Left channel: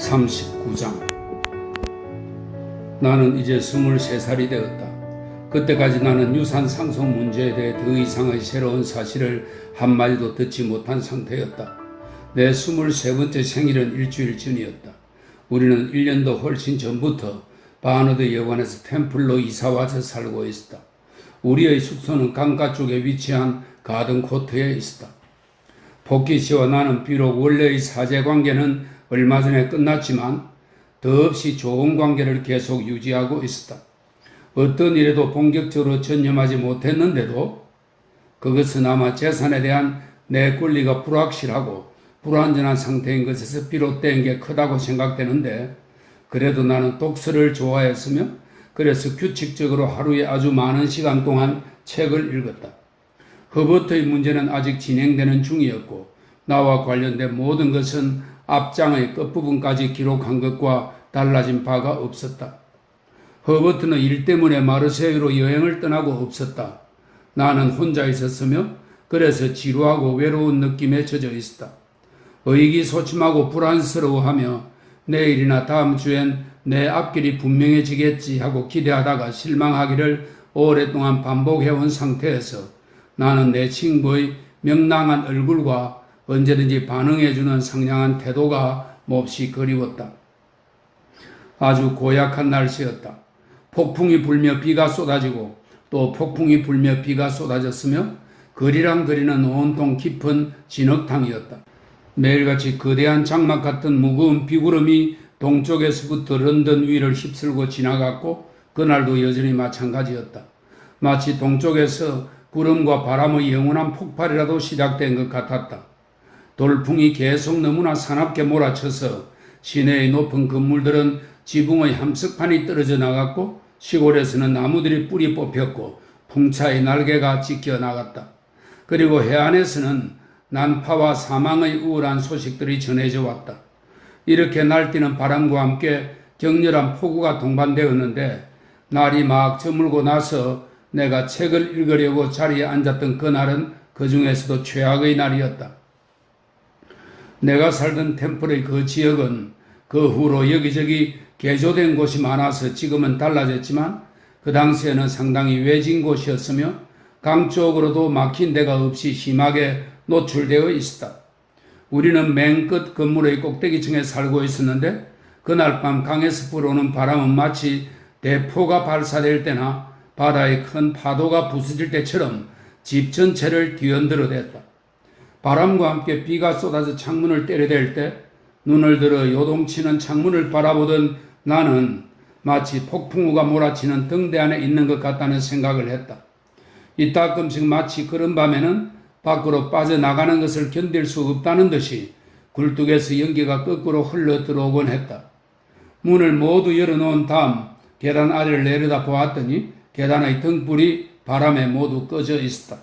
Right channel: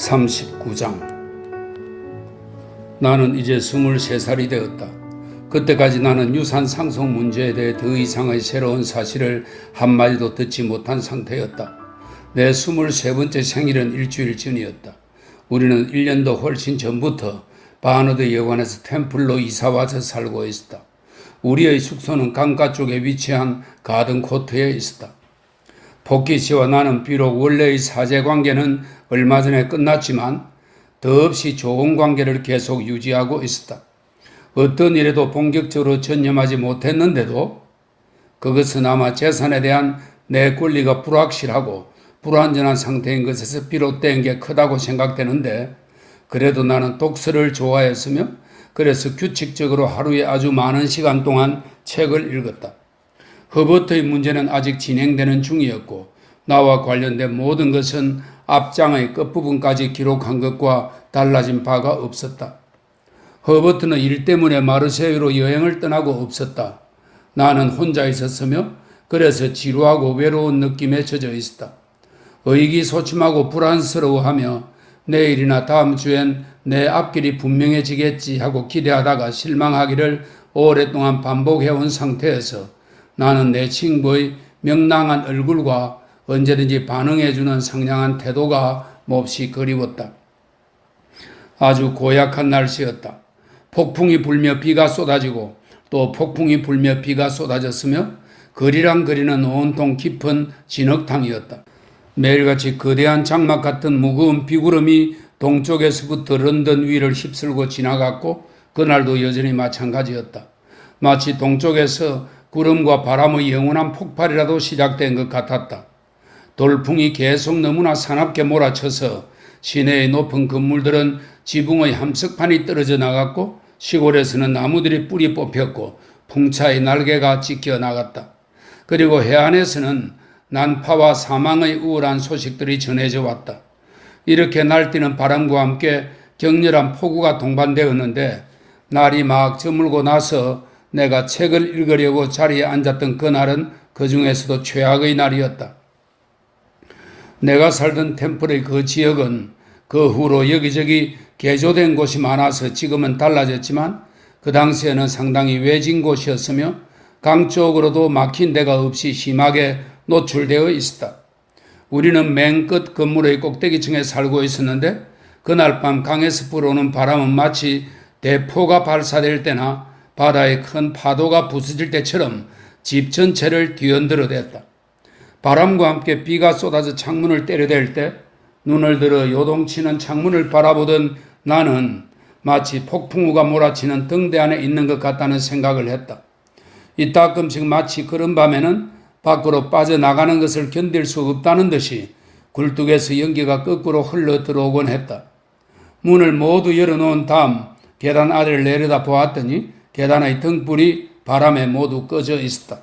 39장. 나는 이제 23살이 되었다. 그때까지 나는 유산 상속 문제에 대해 더 이상의 새로운 사실을 한마디도 듣지 못한 상태였다. 내 23번째 생일은 일주일 전이었다. 우리는 1년도 훨씬 전부터 바너드 여관에서 템플로 이사와서 살고 있었다. 우리의 숙소는 강가 쪽에 위치한 가든 코트에 있었다. 복희 씨와 나는 비록 원래의 사제관계는 얼마 전에 끝났지만 더없이 좋은 관계를 계속 유지하고 있었다. 어떤 일에도 본격적으로 전념하지 못했는데도 그것은 아마 재산에 대한 내 권리가 불확실하고 불완전한 상태인 것에서 비롯된 게 크다고 생각되는데, 그래도 나는 독서를 좋아했으며 그래서 규칙적으로 하루에 아주 많은 시간 동안 책을 읽었다. 허버트의 문제는 아직 진행되는 중이었고 나와 관련된 모든 것은 앞장의 끝부분까지 기록한 것과 달라진 바가 없었다. 허버트는 일 때문에 마르세유로 여행을 떠나고 없었다. 나는 혼자 있었으며 그래서 지루하고 외로운 느낌에 젖어 있었다. 의기소침하고 불안스러워하며 내일이나 다음 주엔 내 앞길이 분명해지겠지 하고 기대하다가 실망하기를 오랫동안 반복해온 상태에서 나는 내 친구의 명랑한 얼굴과 언제든지 반응해주는 상냥한 태도가 몹시 그리웠다. 아주 고약한 날씨였다. 폭풍이 불며 비가 쏟아지고 또 폭풍이 불며 비가 쏟아졌으며 그리랑 그리는 온통 깊은 진흙탕이었다. 매일같이 거대한 장막 같은 무거운 비구름이 동쪽에서부터 런던 위를 휩쓸고 지나갔고 그날도 여전히 마찬가지였다. 마치 동쪽에서 구름과 바람의 영원한 폭발이라도 시작된 것 같았다. 돌풍이 계속 너무나 사납게 몰아쳐서 시내의 높은 건물들은 지붕의 함석판이 떨어져 나갔고 시골에서는 나무들이 뿌리 뽑혔고 풍차의 날개가 찢겨 나갔다. 그리고 해안에서는 난파와 사망의 우울한 소식들이 전해져 왔다. 이렇게 날뛰는 바람과 함께 격렬한 폭우가 동반되었는데 날이 막 저물고 나서 내가 책을 읽으려고 자리에 앉았던 그날은 그 중에서도 최악의 날이었다. 내가 살던 템플의 그 지역은 그 후로 여기저기 개조된 곳이 많아서 지금은 달라졌지만 그 당시에는 상당히 외진 곳이었으며 강 쪽으로도 막힌 데가 없이 심하게 노출되어 있었다. 우리는 맨 끝 건물의 꼭대기층에 살고 있었는데 그날 밤 강에서 불어오는 바람은 마치 대포가 발사될 때나 바다의 큰 파도가 부서질 때처럼 집 전체를 뒤흔들어댔다. 바람과 함께 비가 쏟아져 창문을 때려댈 때 눈을 들어 요동치는 창문을 바라보던 나는 마치 폭풍우가 몰아치는 등대 안에 있는 것 같다는 생각을 했다. 이따금씩 마치 그런 밤에는 밖으로 빠져나가는 것을 견딜 수 없다는 듯이 굴뚝에서 연기가 거꾸로 흘러 들어오곤 했다. 문을 모두 열어놓은 다음 계단 아래를 내려다 보았더니 계단의 등불이 바람에 모두 꺼져 있었다.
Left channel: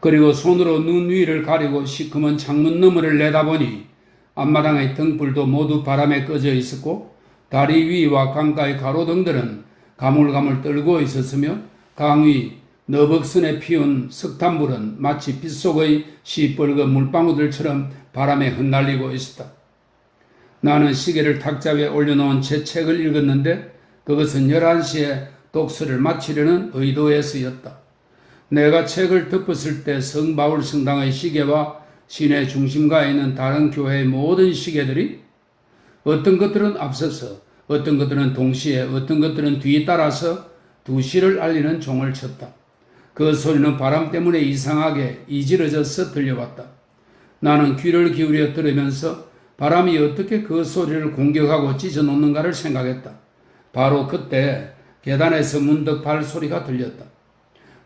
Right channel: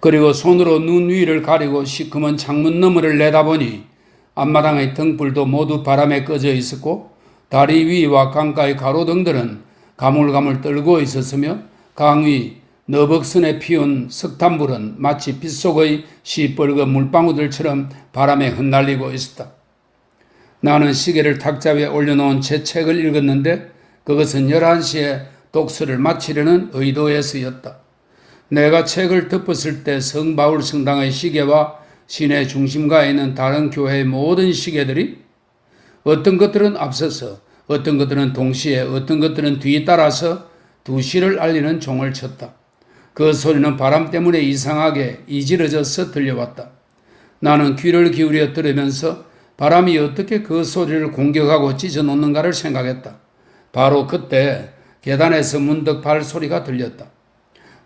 그리고 손으로 눈 위를 가리고 시커먼 창문 너머를 내다보니 앞마당의 등불도 모두 바람에 꺼져 있었고 다리 위와 강가의 가로등들은 가물가물 떨고 있었으며 강 위 너벅선에 피운 석탄불은 마치 빗속의 시뻘건 물방울들처럼 바람에 흩날리고 있었다. 나는 시계를 탁자 위에 올려놓은 제 책을 읽었는데 그것은 11시에 독서를 마치려는 의도에서였다. 내가 책을 덮었을 때 성바울 성당의 시계와 시내 중심가에 있는 다른 교회의 모든 시계들이 어떤 것들은 앞서서 어떤 것들은 동시에 어떤 것들은 뒤따라서 2시를 알리는 종을 쳤다. 그 소리는 바람 때문에 이상하게 이지러져서 들려왔다. 나는 귀를 기울여 들으면서 바람이 어떻게 그 소리를 공격하고 찢어놓는가를 생각했다. 바로 그때 계단에서 문득 발소리가 들렸다.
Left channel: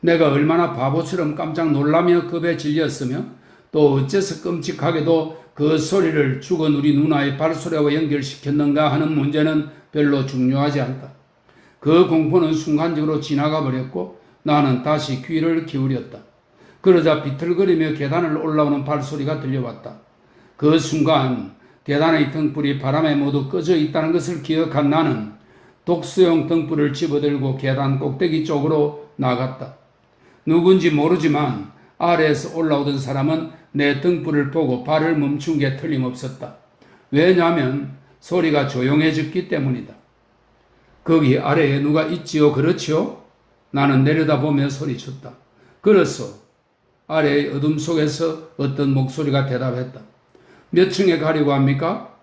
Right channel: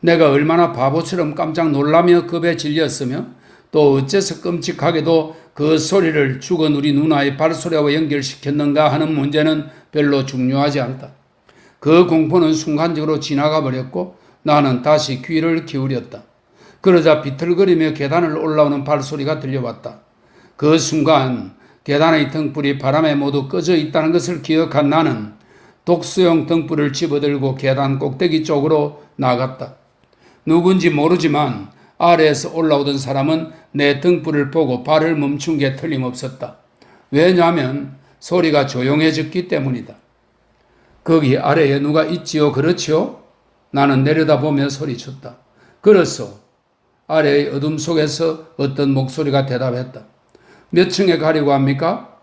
내가 얼마나 바보처럼 깜짝 놀라며 겁에 질렸으며 또 어째서 끔찍하게도 그 소리를 죽은 우리 누나의 발소리와 연결시켰는가 하는 문제는 별로 중요하지 않다. 그 공포는 순간적으로 지나가 버렸고 나는 다시 귀를 기울였다. 그러자 비틀거리며 계단을 올라오는 발소리가 들려왔다. 그 순간 계단의 등불이 바람에 모두 꺼져 있다는 것을 기억한 나는 독서용 등불을 집어들고 계단 꼭대기 쪽으로 나갔다. 누군지 모르지만 아래에서 올라오던 사람은 내 등불을 보고 발을 멈춘 게 틀림없었다. 왜냐하면 소리가 조용해졌기 때문이다. 거기 아래에 누가 있지요? 그렇지요? 나는 내려다보며 소리쳤다. 그렇소. 아래의 어둠 속에서 어떤 목소리가 대답했다. 몇 층에 가려고 합니까?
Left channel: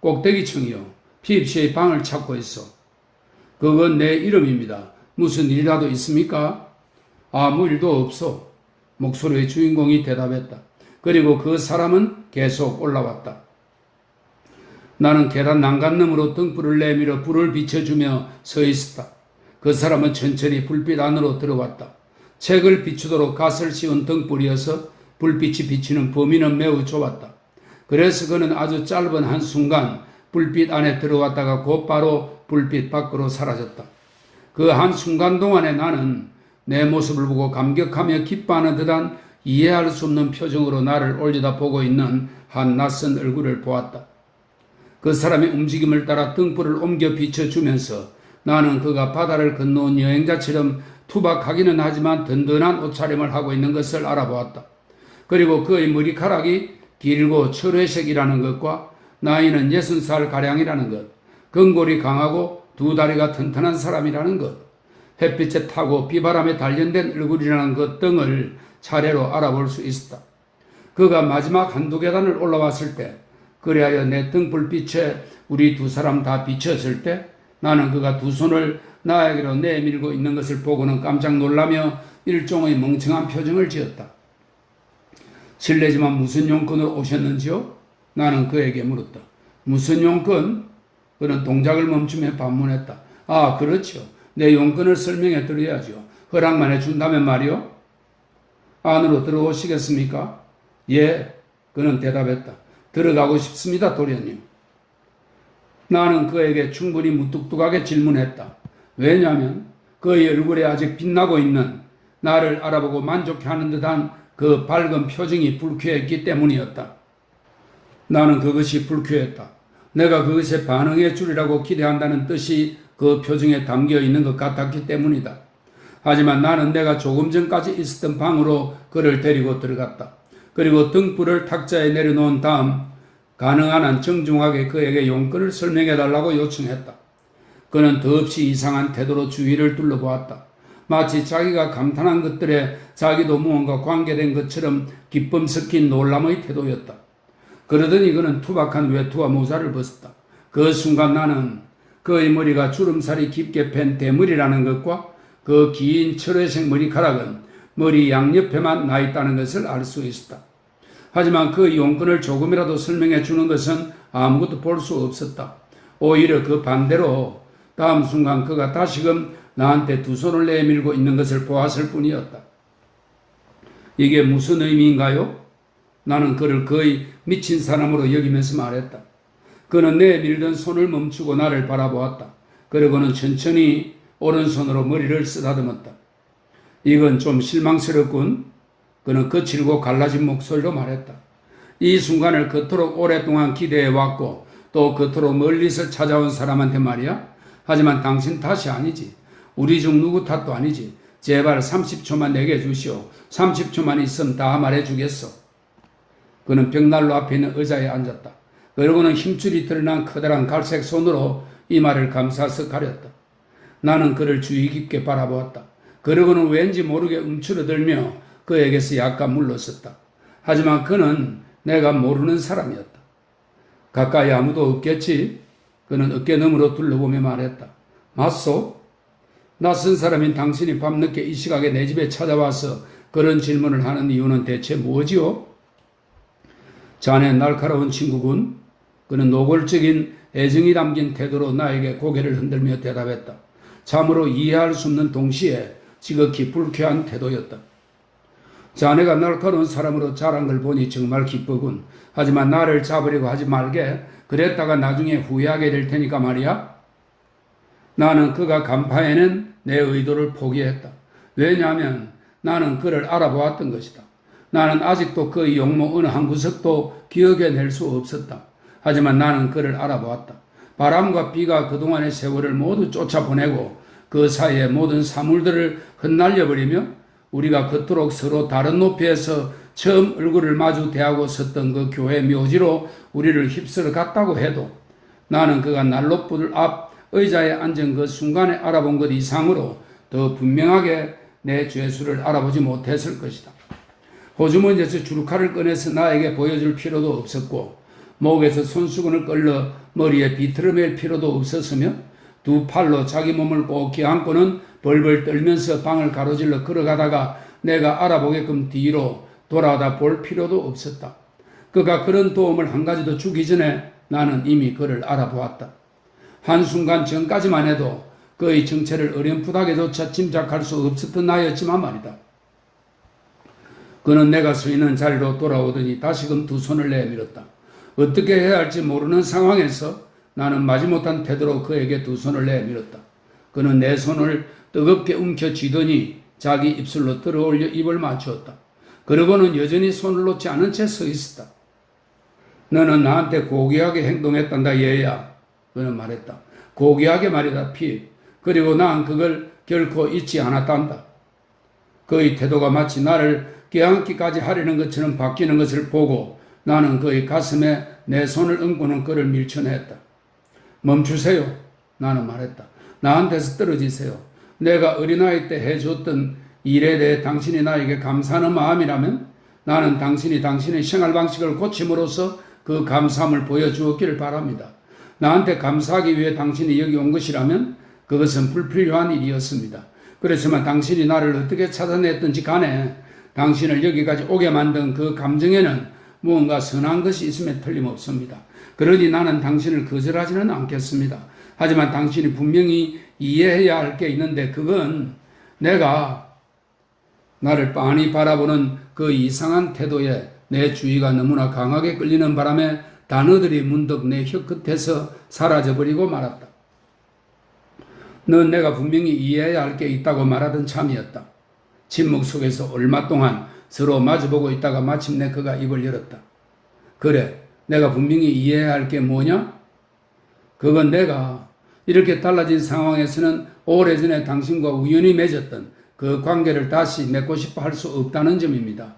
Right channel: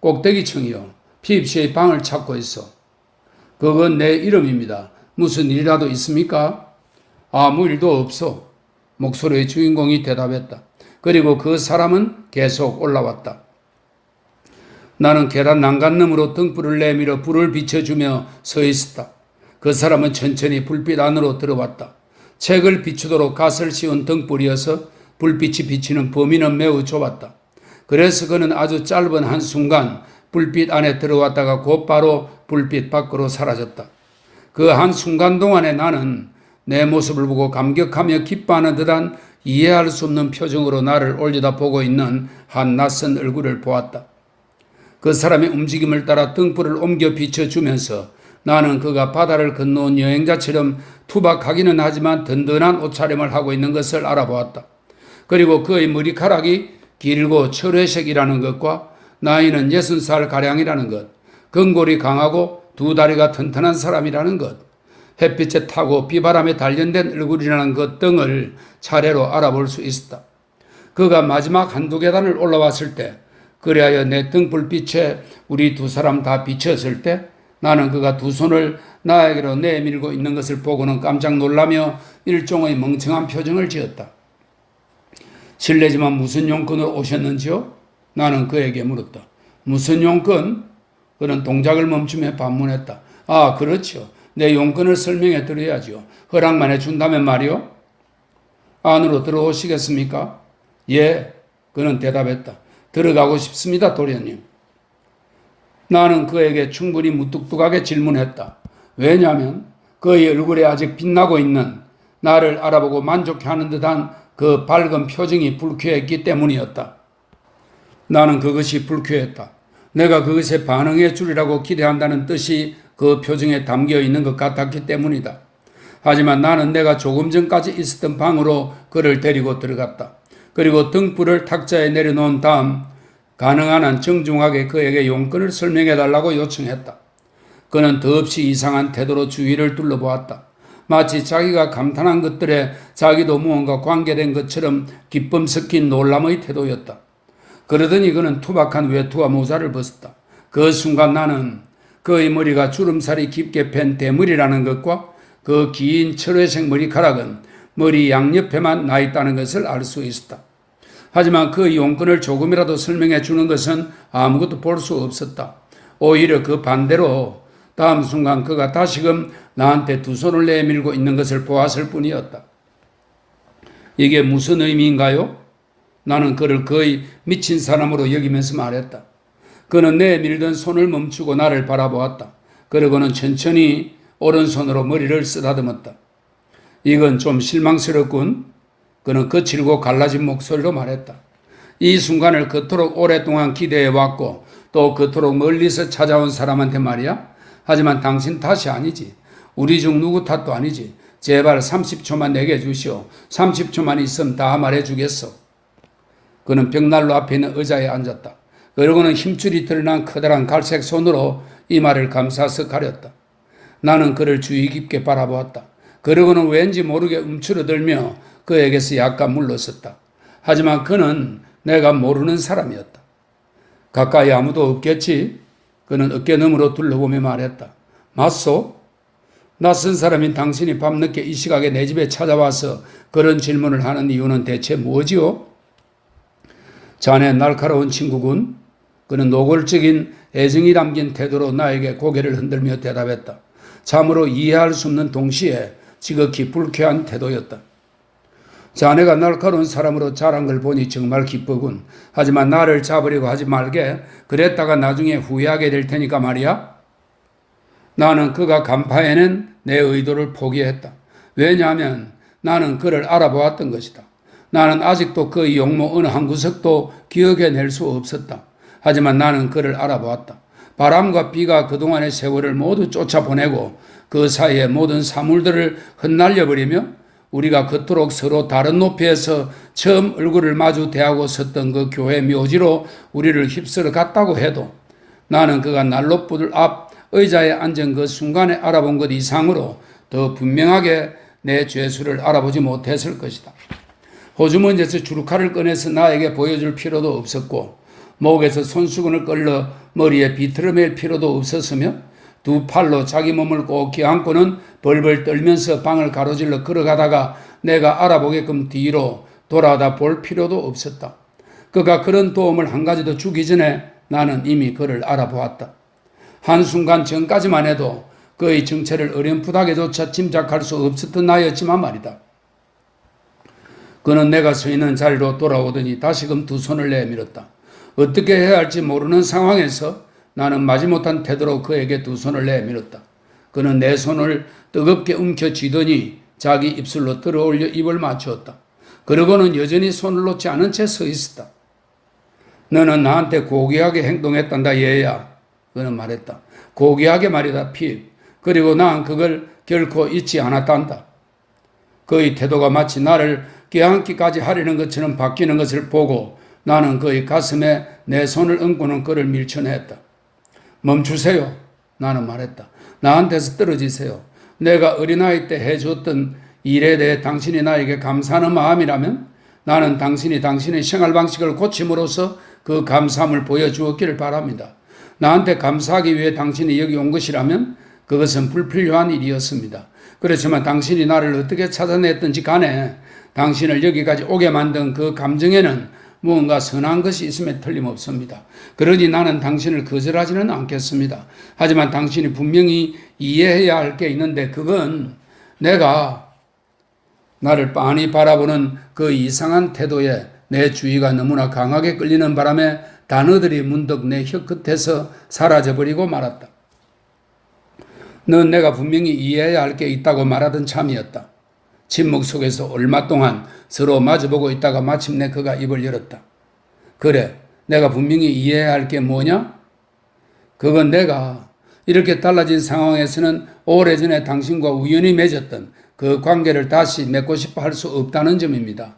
꼭대기층이요. 피입시의 방을 찾고 있어. 그건 내 이름입니다. 무슨 일이라도 있습니까? 아무 일도 없어. 목소리의 주인공이 대답했다. 그리고 그 사람은 계속 올라왔다. 나는 계단 난간너머로 등불을 내밀어 불을 비춰주며 서 있었다. 그 사람은 천천히 불빛 안으로 들어왔다. 책을 비추도록 갓을 씌운 등불이어서 불빛이 비치는 범위는 매우 좁았다. 그래서 그는 아주 짧은 한순간 불빛 안에 들어왔다가 곧바로 불빛 밖으로 사라졌다. 그 한순간 동안에 나는 내 모습을 보고 감격하며 기뻐하는 듯한 이해할 수 없는 표정으로 나를 올려다보고 있는 한 낯선 얼굴을 보았다. 그 사람의 움직임을 따라 등불을 옮겨 비춰주면서 나는 그가 바다를 건너온 여행자처럼 투박하기는 하지만 든든한 옷차림을 하고 있는 것을 알아보았다. 그리고 그의 머리카락이 길고 철회색이라는 것과 나이는 60살가량이라는 것, 근골이 강하고 두 다리가 튼튼한 사람이라는 것, 햇빛에 타고 비바람에 단련된 얼굴이라는 것 등을 차례로 알아볼 수 있었다. 그가 마지막 한두 계단을 올라왔을 때, 그리하여 내 등불빛에 우리 두 사람 다 비쳤을 때 나는 그가 두 손을 나에게로 내밀고 있는 것을 보고는 깜짝 놀라며 일종의 멍청한 표정을 지었다. 실례지만 무슨 용건으로 오셨는지요? 나는 그에게 물었다. 무슨 용건? 그는 동작을 멈추며 반문했다. 아, 그렇죠. 내 용건을 설명해 드려야죠. 허락만 해준다면 말이요. 안으로 들어오시겠습니까? 예, 그는 대답했다. 들어가고 싶습니다, 도련님. 나는 그에게 충분히 무뚝뚝하게 질문했다. 왜냐하면 그의 얼굴에 아직 빛나고 있는 나를 알아보고 만족해하는 듯한 그 밝은 표정이 불쾌했기 때문이었다. 나는 그것이 불쾌했다. 내가 그것에 반응해 주리라고 기대한다는 뜻이 그 표정에 담겨 있는 것 같았기 때문이다. 하지만 나는 내가 조금 전까지 있었던 방으로 그를 데리고 들어갔다. 그리고 등불을 탁자에 내려놓은 다음 가능한 한 정중하게 그에게 용건을 설명해달라고 요청했다. 그는 더없이 이상한 태도로 주위를 둘러보았다. 마치 자기가 감탄한 것들에 자기도 무언가 관계된 것처럼 기쁨 섞인 놀람의 태도였다. 그러더니 그는 투박한 외투와 모자를 벗었다. 그 순간 나는 그의 머리가 주름살이 깊게 팬 대머리라는 것과 그 긴 철회색 머리카락은 머리 양옆에만 나 있다는 것을 알 수 있었다. 하지만 그 용건을 조금이라도 설명해 주는 것은 아무것도 볼 수 없었다. 오히려 그 반대로 다음 순간 그가 다시금 나한테 두 손을 내밀고 있는 것을 보았을 뿐이었다. 이게 무슨 의미인가요? 나는 그를 거의 미친 사람으로 여기면서 말했다. 그는 내밀던 손을 멈추고 나를 바라보았다. 그러고는 천천히 오른손으로 머리를 쓰다듬었다. 이건 좀 실망스럽군. 그는 거칠고 갈라진 목소리로 말했다. 이 순간을 그토록 오랫동안 기대해왔고 또 그토록 멀리서 찾아온 사람한테 말이야. 하지만 당신 탓이 아니지. 우리 중 누구 탓도 아니지. 제발 30초만 내게 주시오. 30초만 있으면 다 말해주겠어. 그는 벽난로 앞에 있는 의자에 앉았다. 그러고는 힘줄이 드러난 커다란 갈색 손으로 이마를 감싸서 가렸다. 나는 그를 주의 깊게 바라보았다. 그러고는 왠지 모르게 움츠러들며 그에게서 약간 물러섰다. 하지만 그는 내가 모르는 사람이었다. 가까이 아무도 없겠지? 그는 어깨너머로 둘러보며 말했다. 맞소? 낯선 사람인 당신이 밤늦게 이 시각에 내 집에 찾아와서 그런 질문을 하는 이유는 대체 뭐지요? 자네 날카로운 친구군. 그는 노골적인 애정이 담긴 태도로 나에게 고개를 흔들며 대답했다. 참으로 이해할 수 없는 동시에 지극히 불쾌한 태도였다. 자네가 날카로운 사람으로 자란 걸 보니 정말 기쁘군. 하지만 나를 잡으려고 하지 말게. 그랬다가 나중에 후회하게 될 테니까 말이야. 나는 그가 간파해낸 내 의도를 포기했다. 왜냐하면 나는 그를 알아보았던 것이다. 나는 아직도 그의 용모 어느 한 구석도 기억해낼 수 없었다. 하지만 나는 그를 알아보았다. 바람과 비가 그동안의 세월을 모두 쫓아보내고 그 사이에 모든 사물들을 흩날려버리며 우리가 그토록 서로 다른 높이에서 처음 얼굴을 마주 대하고 섰던 그 교회 묘지로 우리를 휩쓸어 갔다고 해도 나는 그가 난로불 앞 의자에 앉은 그 순간에 알아본 것 이상으로 더 분명하게 내 죄수를 알아보지 못했을 것이다. 호주머니에서 주루칼을 꺼내서 나에게 보여줄 필요도 없었고 목에서 손수건을 끌러 머리에 비틀어 맬 필요도 없었으며 두 팔로 자기 몸을 꼭 껴안고는 벌벌 떨면서 방을 가로질러 걸어가다가 내가 알아보게끔 뒤로 돌아다 볼 필요도 없었다. 그가 그런 도움을 한 가지도 주기 전에 나는 이미 그를 알아보았다. 한순간 전까지만 해도 그의 정체를 어렴풋하게조차 짐작할 수 없었던 나였지만 말이다. 그는 내가 서 있는 자리로 돌아오더니 다시금 두 손을 내밀었다. 어떻게 해야 할지 모르는 상황에서 나는 마지못한 태도로 그에게 두 손을 내밀었다. 그는 내 손을 뜨겁게 움켜쥐더니 자기 입술로 들어올려 입을 맞추었다. 그러고는 여전히 손을 놓지 않은 채 서 있었다. 너는 나한테 고귀하게 행동했단다 얘야. 그는 말했다. 고귀하게 말이다 핏. 그리고 난 그걸 결코 잊지 않았단다. 그의 태도가 마치 나를 껴안기까지 하려는 것처럼 바뀌는 것을 보고 나는 그의 가슴에 내 손을 얹고는 그를 밀쳐냈다. 멈추세요. 나는 말했다. 나한테서 떨어지세요. 내가 어린아이 때 해줬던 일에 대해 당신이 나에게 감사하는 마음이라면 나는 당신이 당신의 생활 방식을 고침으로써 그 감사함을 보여주었기를 바랍니다. 나한테 감사하기 위해 당신이 여기 온 것이라면 그것은 불필요한 일이었습니다. 그렇지만 당신이 나를 어떻게 찾아냈든지 간에 당신을 여기까지 오게 만든 그 감정에는 무언가 선한 것이 있음에 틀림없습니다. 그러니 나는 당신을 거절하지는 않겠습니다. 하지만 당신이 분명히 이해해야 할 게 있는데 그건 내가 나를 빤히 바라보는 그 이상한 태도에 내 주의가 너무나 강하게 끌리는 바람에 단어들이 문득 내 혀끝에서 사라져버리고 말았다. 넌 내가 분명히 이해해야 할 게 있다고 말하던 참이었다. 침묵 속에서 얼마 동안 서로 마주보고 있다가 마침내 그가 입을 열었다. 그래, 내가 분명히 이해해야 할 게 뭐냐? 그건 내가 이렇게 달라진 상황에서는 오래전에 당신과 우연히 맺었던 그 관계를 다시 맺고 싶어 할 수 없다는 점입니다.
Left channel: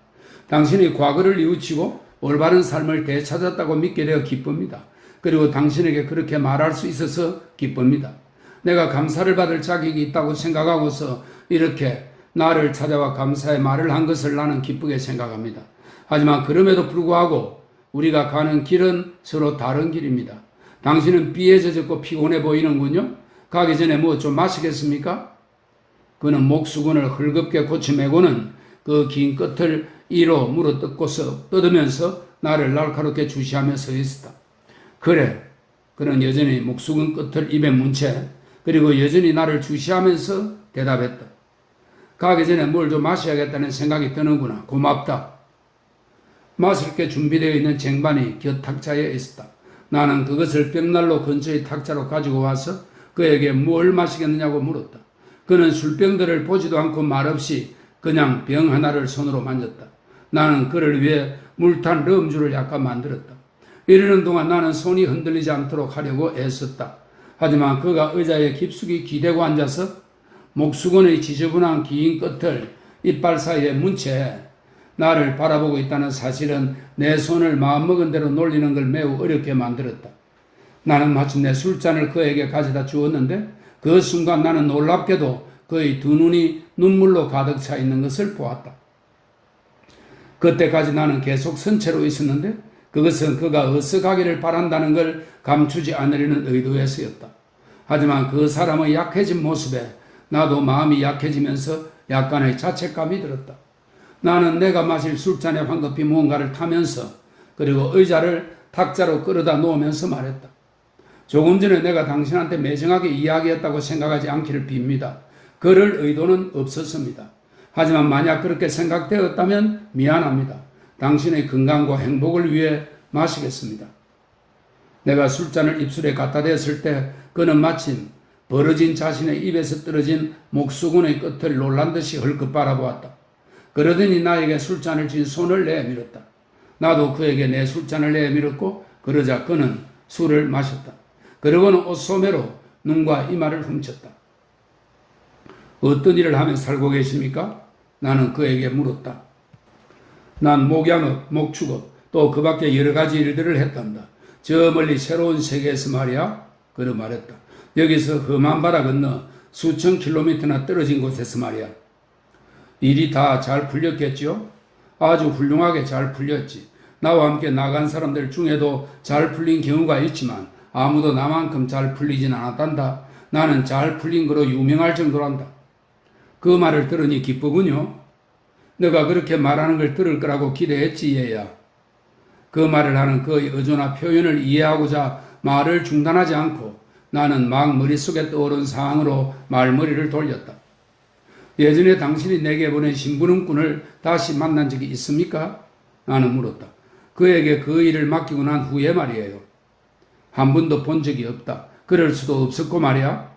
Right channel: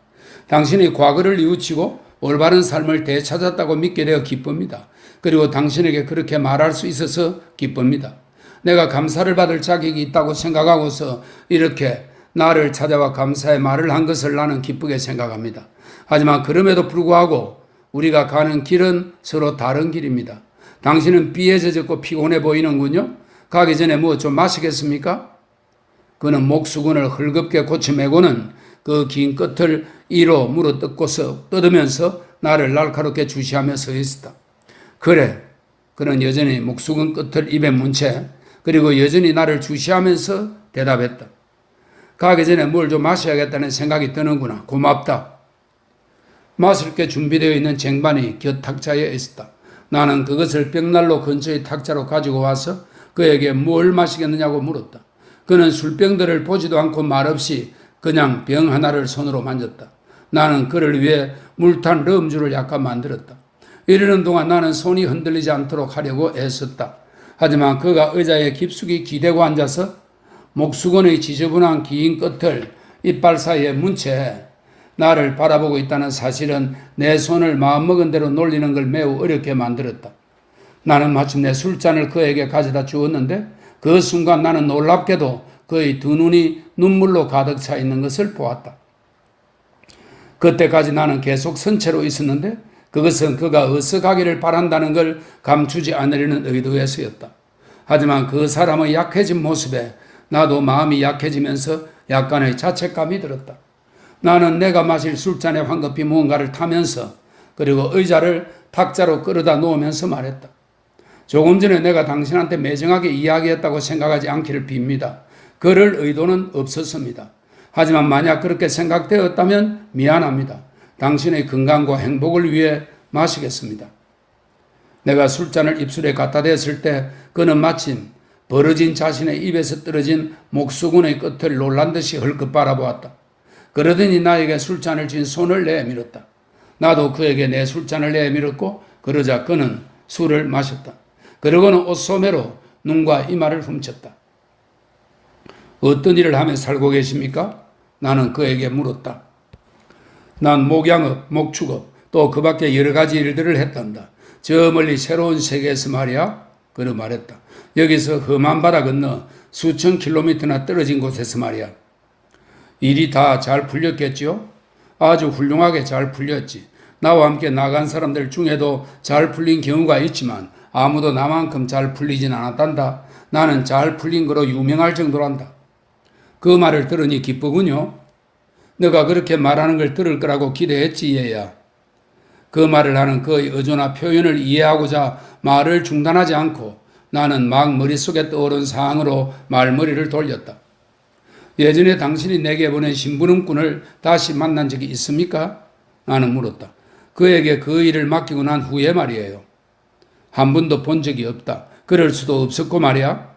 당신이 과거를 뉘우치고 올바른 삶을 되찾았다고 믿게 되어 기쁩니다. 그리고 당신에게 그렇게 말할 수 있어서 기쁩니다. 내가 감사를 받을 자격이 있다고 생각하고서 이렇게 나를 찾아와 감사의 말을 한 것을 나는 기쁘게 생각합니다. 하지만 그럼에도 불구하고 우리가 가는 길은 서로 다른 길입니다. 당신은 비에 젖었고 피곤해 보이는군요. 가기 전에 뭐 좀 마시겠습니까? 그는 목수건을 헐겁게 고치매고는 그 긴 끝을 이로 물어뜯고서 뜯으면서 나를 날카롭게 주시하며 서 있었다. 그래, 그는 여전히 목수건 끝을 입에 문 채 그리고 여전히 나를 주시하면서 대답했다. 가기 전에 뭘 좀 마셔야겠다는 생각이 드는구나. 고맙다. 마실 게 준비되어 있는 쟁반이 곁 탁자에 있었다. 나는 그것을 벽난로 근처의 탁자로 가지고 와서 그에게 뭘 마시겠느냐고 물었다. 그는 술병들을 보지도 않고 말없이 그냥 병 하나를 손으로 만졌다. 나는 그를 위해 물탄 럼주를 약간 만들었다. 이러는 동안 나는 손이 흔들리지 않도록 하려고 애썼다. 하지만 그가 의자에 깊숙이 기대고 앉아서 목수건의 지저분한 긴 끝을 이빨 사이에 문 채 나를 바라보고 있다는 사실은 내 손을 마음먹은 대로 놀리는 걸 매우 어렵게 만들었다. 나는 마침내 술잔을 그에게 가져다 주었는데 그 순간 나는 놀랍게도 그의 두 눈이 눈물로 가득 차 있는 것을 보았다. 그때까지 나는 계속 선체로 있었는데 그것은 그가 어서 가기를 바란다는 걸 감추지 않으려는 의도에서였다. 하지만 그 사람의 약해진 모습에 나도 마음이 약해지면서 약간의 자책감이 들었다. 나는 내가 마실 술잔에 황급히 무언가를 타면서 그리고 의자를 탁자로 끌어다 놓으면서 말했다. 조금 전에 내가 당신한테 매정하게 이야기했다고 생각하지 않기를 빕니다. 그럴 의도는 없었습니다. 하지만 만약 그렇게 생각되었다면 미안합니다. 당신의 건강과 행복을 위해 마시겠습니다. 내가 술잔을 입술에 갖다 댔을 때 그는 마침 벌어진 자신의 입에서 떨어진 목수건의 끝을 놀란 듯이 헐끗 바라보았다. 그러더니 나에게 술잔을 쥔 손을 내밀었다. 나도 그에게 내 술잔을 내밀었고 그러자 그는 술을 마셨다. 그러고는 옷소매로 눈과 이마를 훔쳤다. 어떤 일을 하며 살고 계십니까? 나는 그에게 물었다. 난 목양업, 목축업, 또 그 밖에 여러 가지 일들을 했단다. 저 멀리 새로운 세계에서 말이야. 그는 말했다. 여기서 험한 바다 건너 수천 킬로미터나 떨어진 곳에서 말이야. 일이 다 잘 풀렸겠지요? 아주 훌륭하게 잘 풀렸지. 나와 함께 나간 사람들 중에도 잘 풀린 경우가 있지만 아무도 나만큼 잘 풀리진 않았단다. 나는 잘 풀린 거로 유명할 정도란다. 그 말을 들으니 기쁘군요. 너가 그렇게 말하는 걸 들을 거라고 기대했지, 얘야. 그 말을 하는 그의 어조나 표현을 이해하고자 말을 중단하지 않고 나는 막 머릿속에 떠오른 상황으로 말머리를 돌렸다. 예전에 당신이 내게 보낸 심부름꾼을 다시 만난 적이 있습니까? 나는 물었다. 그에게 그 일을 맡기고 난 후에 말이에요. 한 번도 본 적이 없다. 그럴 수도 없었고 말이야.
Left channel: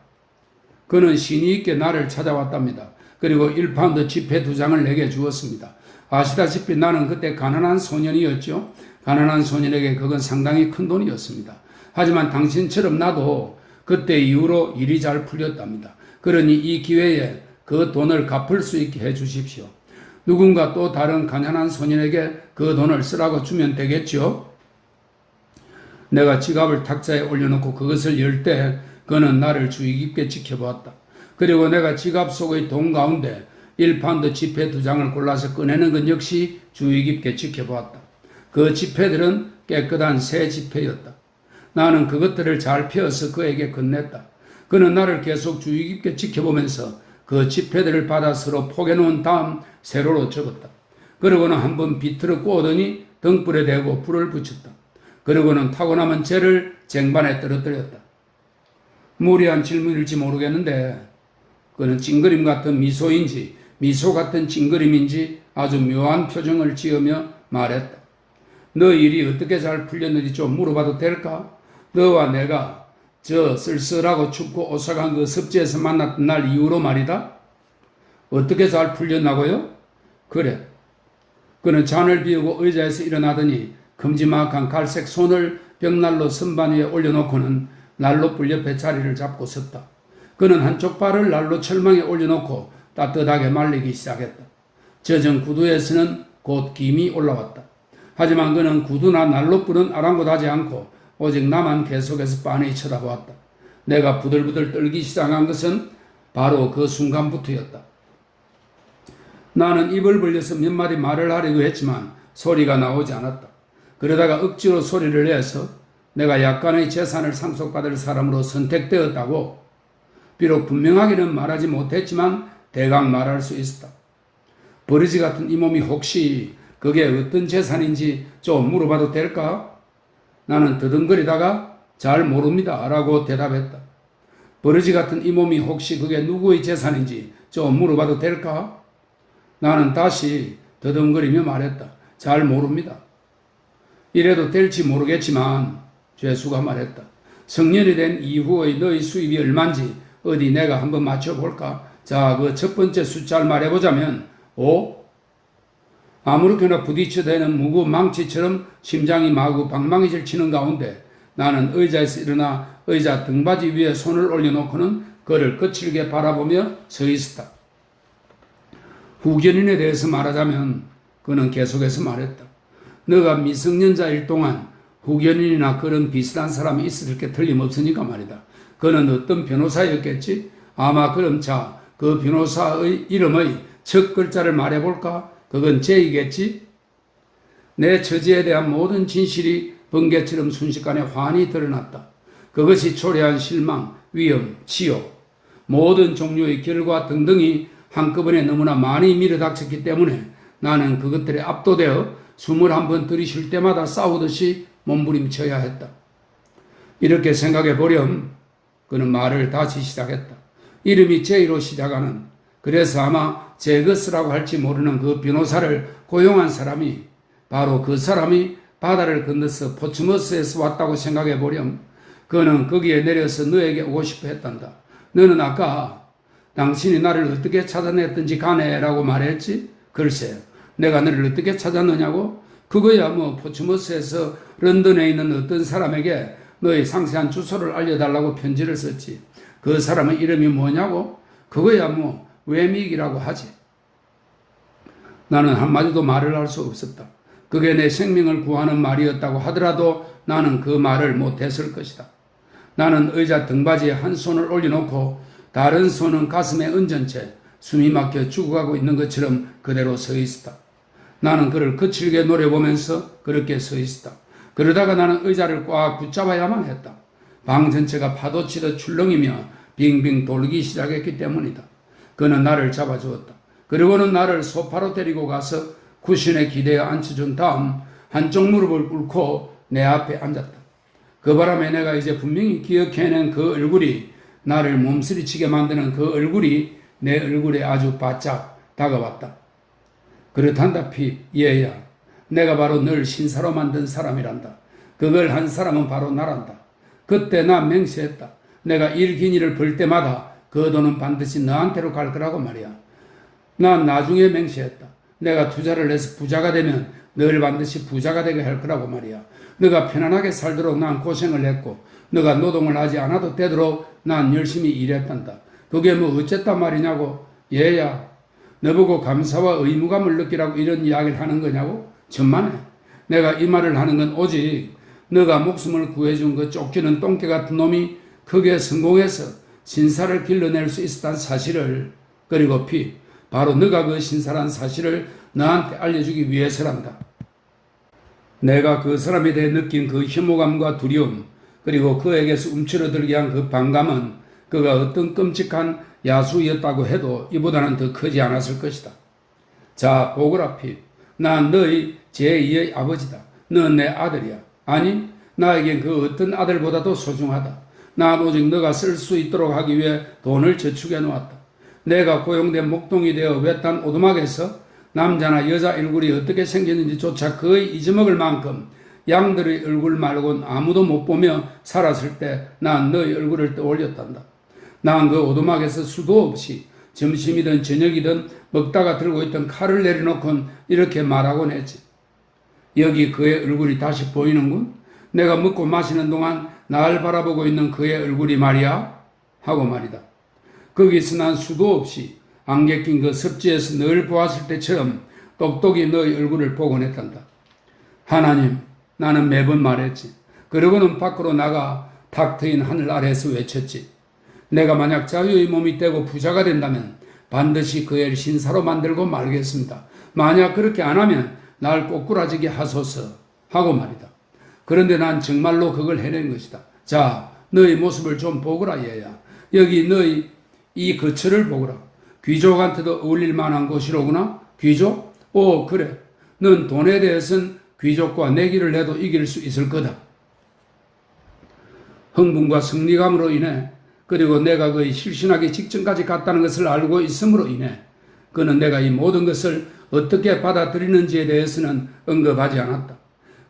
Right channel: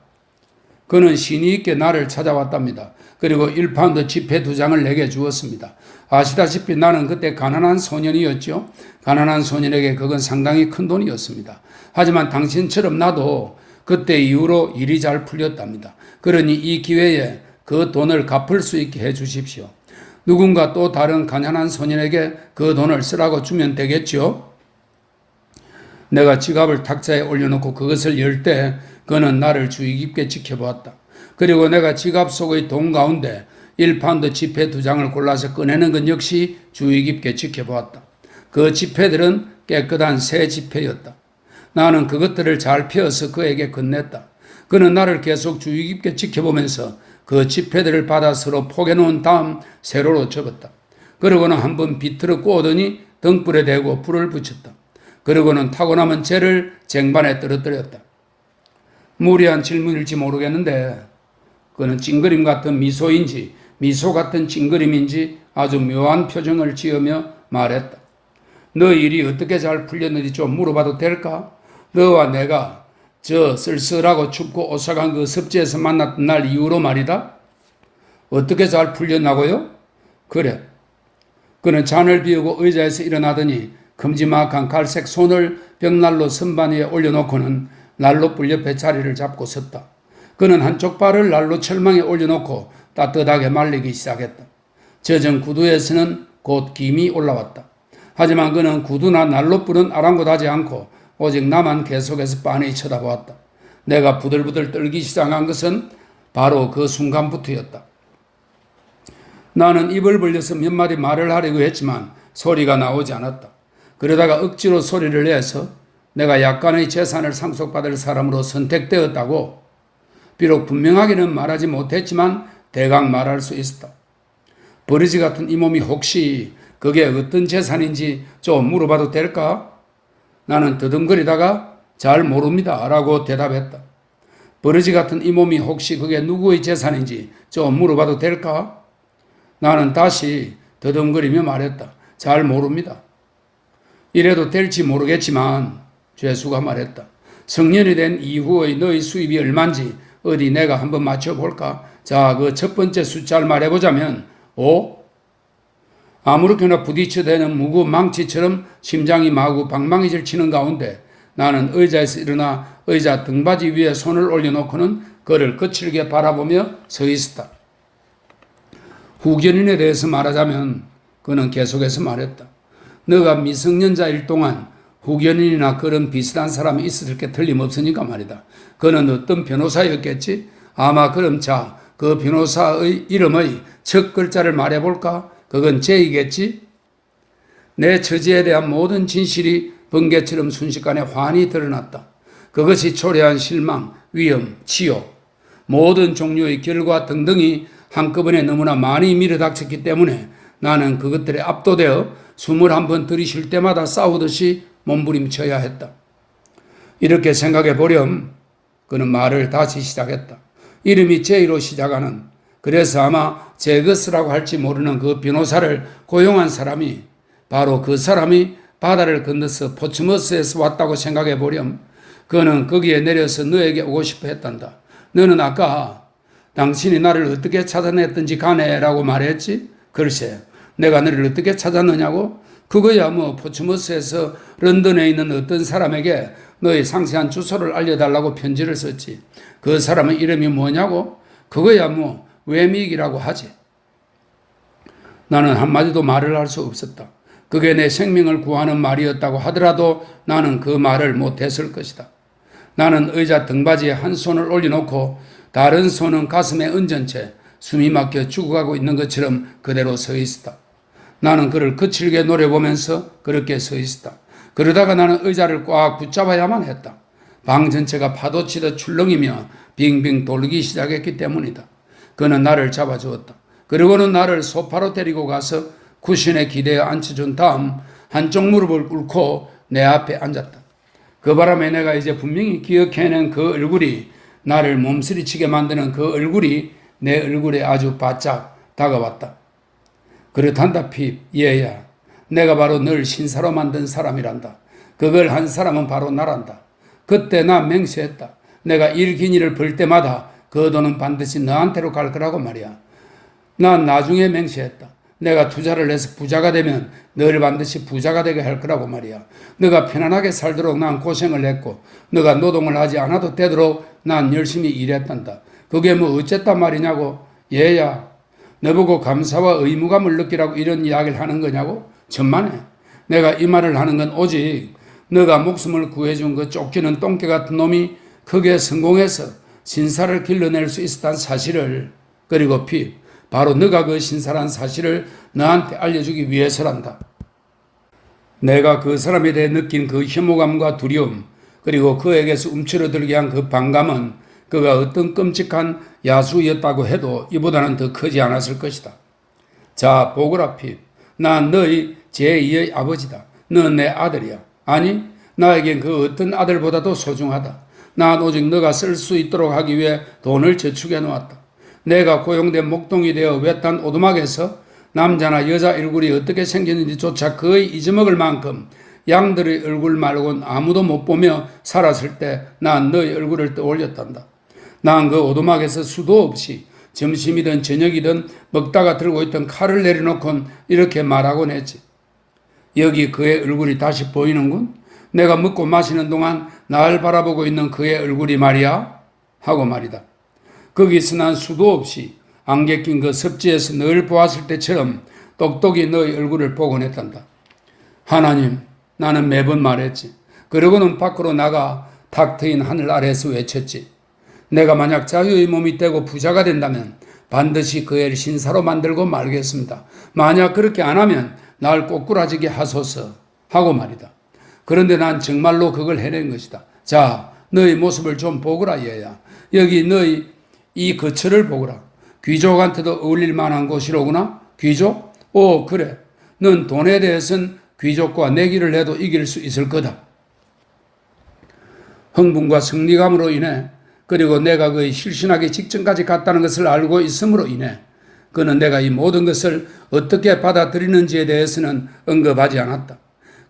그는 신의 있게 나를 찾아왔답니다. 그리고 1파운드 지폐 2장을 내게 주었습니다. 아시다시피 나는 그때 가난한 소년이었죠. 가난한 소년에게 그건 상당히 큰 돈이었습니다. 하지만 당신처럼 나도 그때 이후로 일이 잘 풀렸답니다. 그러니 이 기회에 그 돈을 갚을 수 있게 해 주십시오. 누군가 또 다른 가난한 소년에게 그 돈을 쓰라고 주면 되겠죠? 내가 지갑을 탁자에 올려놓고 그것을 열 때 그는 나를 주의 깊게 지켜보았다. 그리고 내가 지갑 속의 돈 가운데 1파운드 지폐 2장을 골라서 꺼내는 것 역시 주의 깊게 지켜보았다. 그 지폐들은 깨끗한 새 지폐였다. 나는 그것들을 잘 펴서 그에게 건넸다. 그는 나를 계속 주의 깊게 지켜보면서 그 지폐들을 받아 서로 포개놓은 다음 세로로 접었다. 그러고는 한번 비틀어 꼬더니 등불에 대고 불을 붙였다. 그러고는 타고 남은 재를 쟁반에 떨어뜨렸다. 무리한 질문일지 모르겠는데 그는 찡그림 같은 미소인지 미소 같은 찡그림인지 아주 묘한 표정을 지으며 말했다. 너 일이 어떻게 잘 풀렸는지 좀 물어봐도 될까? 너와 내가 저 쓸쓸하고 춥고 오싹한 그 습지에서 만났던 날 이후로 말이다. 어떻게 잘 풀렸나고요? 그래. 그는 잔을 비우고 의자에서 일어나더니 큼지막한 갈색 손을 벽난로 선반 위에 올려놓고는 난로불 옆에 자리를 잡고 섰다. 그는 한쪽 발을 난로 철망에 올려놓고 따뜻하게 말리기 시작했다. 젖은 구두에서는 곧 김이 올라왔다. 하지만 그는 구두나 난로불은 아랑곳하지 않고 오직 나만 계속해서 빤히 쳐다보았다. 내가 부들부들 떨기 시작한 것은 바로 그 순간부터였다. 나는 입을 벌려서 몇 마디 말을 하려고 했지만 소리가 나오지 않았다. 그러다가 억지로 소리를 내서 내가 약간의 재산을 상속받을 사람으로 선택되었다고 비록 분명하게는 말하지 못했지만 대강 말할 수 있었다. 버리지 같은 이 몸이 혹시 그게 어떤 재산인지 좀 물어봐도 될까? 나는 더듬거리다가 잘 모릅니다 라고 대답했다. 버러지 같은 이 몸이 혹시 그게 누구의 재산인지 좀 물어봐도 될까? 나는 다시 더듬거리며 말했다. 잘 모릅니다. 이래도 될지 모르겠지만 죄수가 말했다. 성년이 된 이후의 너의 수입이 얼마인지 어디 내가 한번 맞춰볼까? 자, 그 첫 번째 숫자를 말해보자면 5. 아무렇게나 부딪혀대는 무거운 망치처럼 심장이 마구 방망이질 치는 가운데 나는 의자에서 일어나 의자 등받이 위에 손을 올려놓고는 그를 거칠게 바라보며 서 있었다. 후견인에 대해서 말하자면 그는 계속해서 말했다. 너가 미성년자일 동안 후견인이나 그런 비슷한 사람이 있었을 게 틀림없으니까 말이다. 그는 어떤 변호사였겠지? 아마 그럼 자, 그 변호사의 이름의 첫 글자를 말해볼까? 그건 J겠지? 내 처지에 대한 모든 진실이 번개처럼 순식간에 환히 드러났다. 그것이 초래한 실망, 위험, 치욕, 모든 종류의 결과 등등이 한꺼번에 너무나 많이 밀어닥쳤기 때문에 나는 그것들에 압도되어 숨을 한번 들이쉴 때마다 싸우듯이 몸부림쳐야 했다. 이렇게 생각해 보렴 그는 말을 다시 시작했다. 이름이 J로 시작하는 그래서 아마 제거스라고 할지 모르는 그 변호사를 고용한 사람이 바로 그 사람이 바다를 건너서 포츠머스에서 왔다고 생각해 보렴. 그는 거기에 내려서 너에게 오고 싶어 했단다. 너는 아까 당신이 나를 어떻게 찾아냈든지 가네라고 말했지? 글쎄, 내가 너를 어떻게 찾았느냐고? 그거야 뭐 포츠머스에서 런던에 있는 어떤 사람에게 너의 상세한 주소를 알려달라고 편지를 썼지. 그 사람의 이름이 뭐냐고? 그거야 뭐 웨믹이라고 하지. 나는 한마디도 말을 할 수 없었다. 그게 내 생명을 구하는 말이었다고 하더라도 나는 그 말을 못했을 것이다. 나는 의자 등받이에 한 손을 올려놓고 다른 손은 가슴에 얹은 채 숨이 막혀 죽어가고 있는 것처럼 그대로 서 있었다. 나는 그를 거칠게 노려보면서 그렇게 서 있었다. 그러다가 나는 의자를 꽉 붙잡아야만 했다. 방 전체가 파도치듯 출렁이며 빙빙 돌기 시작했기 때문이다. 그는 나를 잡아주었다. 그리고는 나를 소파로 데리고 가서 쿠션에 기대어 앉혀준 다음 한쪽 무릎을 꿇고 내 앞에 앉았다. 그 바람에 내가 이제 분명히 기억해낸 그 얼굴이, 나를 몸서리치게 만드는 그 얼굴이 내 얼굴에 아주 바짝 다가왔다. 그렇단다, 핍, 얘야. 내가 바로 널 신사로 만든 사람이란다. 그걸 한 사람은 바로 나란다. 그때 나 맹세했다. 내가 일긴 일을 벌 때마다 그 돈은 반드시 너한테로 갈 거라고 말이야. 난 나중에 맹세했다. 내가 투자를 해서 부자가 되면 널 반드시 부자가 되게 할 거라고 말이야. 너가 편안하게 살도록 난 고생을 했고, 너가 노동을 하지 않아도 되도록 난 열심히 일했단다. 그게 뭐 어쨌단 말이냐고. 얘야, 너보고 감사와 의무감을 느끼라고 이런 이야기를 하는 거냐고? 천만에. 내가 이 말을 하는 건 오직 너가 목숨을 구해준 그 쫓기는 똥개 같은 놈이 크게 성공해서 신사를 길러낼 수 있었다는 사실을, 그리고 바로 너가 그 신사란 사실을 너한테 알려주기 위해서란다. 내가 그 사람에 대해 느낀 그 혐오감과 두려움, 그리고 그에게서 움츠러들게 한 그 반감은 그가 어떤 끔찍한 야수였다고 해도 이보다는 더 크지 않았을 것이다. 자, 보거라, 난 너희 제2의 아버지다. 넌 내 아들이야. 아니, 나에겐 그 어떤 아들보다도 소중하다. 난 오직 너가 쓸 수 있도록 하기 위해 돈을 저축해 놓았다. 내가 고용된 목동이 되어 외딴 오두막에서 남자나 여자 얼굴이 어떻게 생겼는지조차 거의 잊어먹을 만큼 양들의 얼굴 말고는 아무도 못 보며 살았을 때 난 너의 얼굴을 떠올렸단다. 난 그 오두막에서 수도 없이 점심이든 저녁이든 먹다가 들고 있던 칼을 내려놓곤 이렇게 말하곤 했지. 여기 그의 얼굴이 다시 보이는군? 내가 먹고 마시는 동안 날 바라보고 있는 그의 얼굴이 말이야? 하고 말이다. 거기서 난 수도 없이 안개 낀 그 섭지에서 늘 보았을 때처럼 똑똑히 너의 얼굴을 보곤 했단다. 하나님, 나는 매번 말했지. 그러고는 밖으로 나가 탁 트인 하늘 아래에서 외쳤지. 내가 만약 자유의 몸이 되고 부자가 된다면 반드시 그 애를 신사로 만들고 말겠습니다. 만약 그렇게 안 하면 날 꼬꾸라지게 하소서 하고 말이다. 그런데 난 정말로 그걸 해낸 것이다. 자, 너의 모습을 좀 보거라, 얘야. 여기 너희 이 거처를 보거라. 귀족한테도 어울릴 만한 곳이로구나. 귀족? 오, 그래. 넌 돈에 대해서는 귀족과 내기를 해도 이길 수 있을 거다. 흥분과 승리감으로 인해, 그리고 내가 그의 실신하기 직전까지 갔다는 것을 알고 있음으로 인해 그는 내가 이 모든 것을 어떻게 받아들이는지에 대해서는 언급하지 않았다.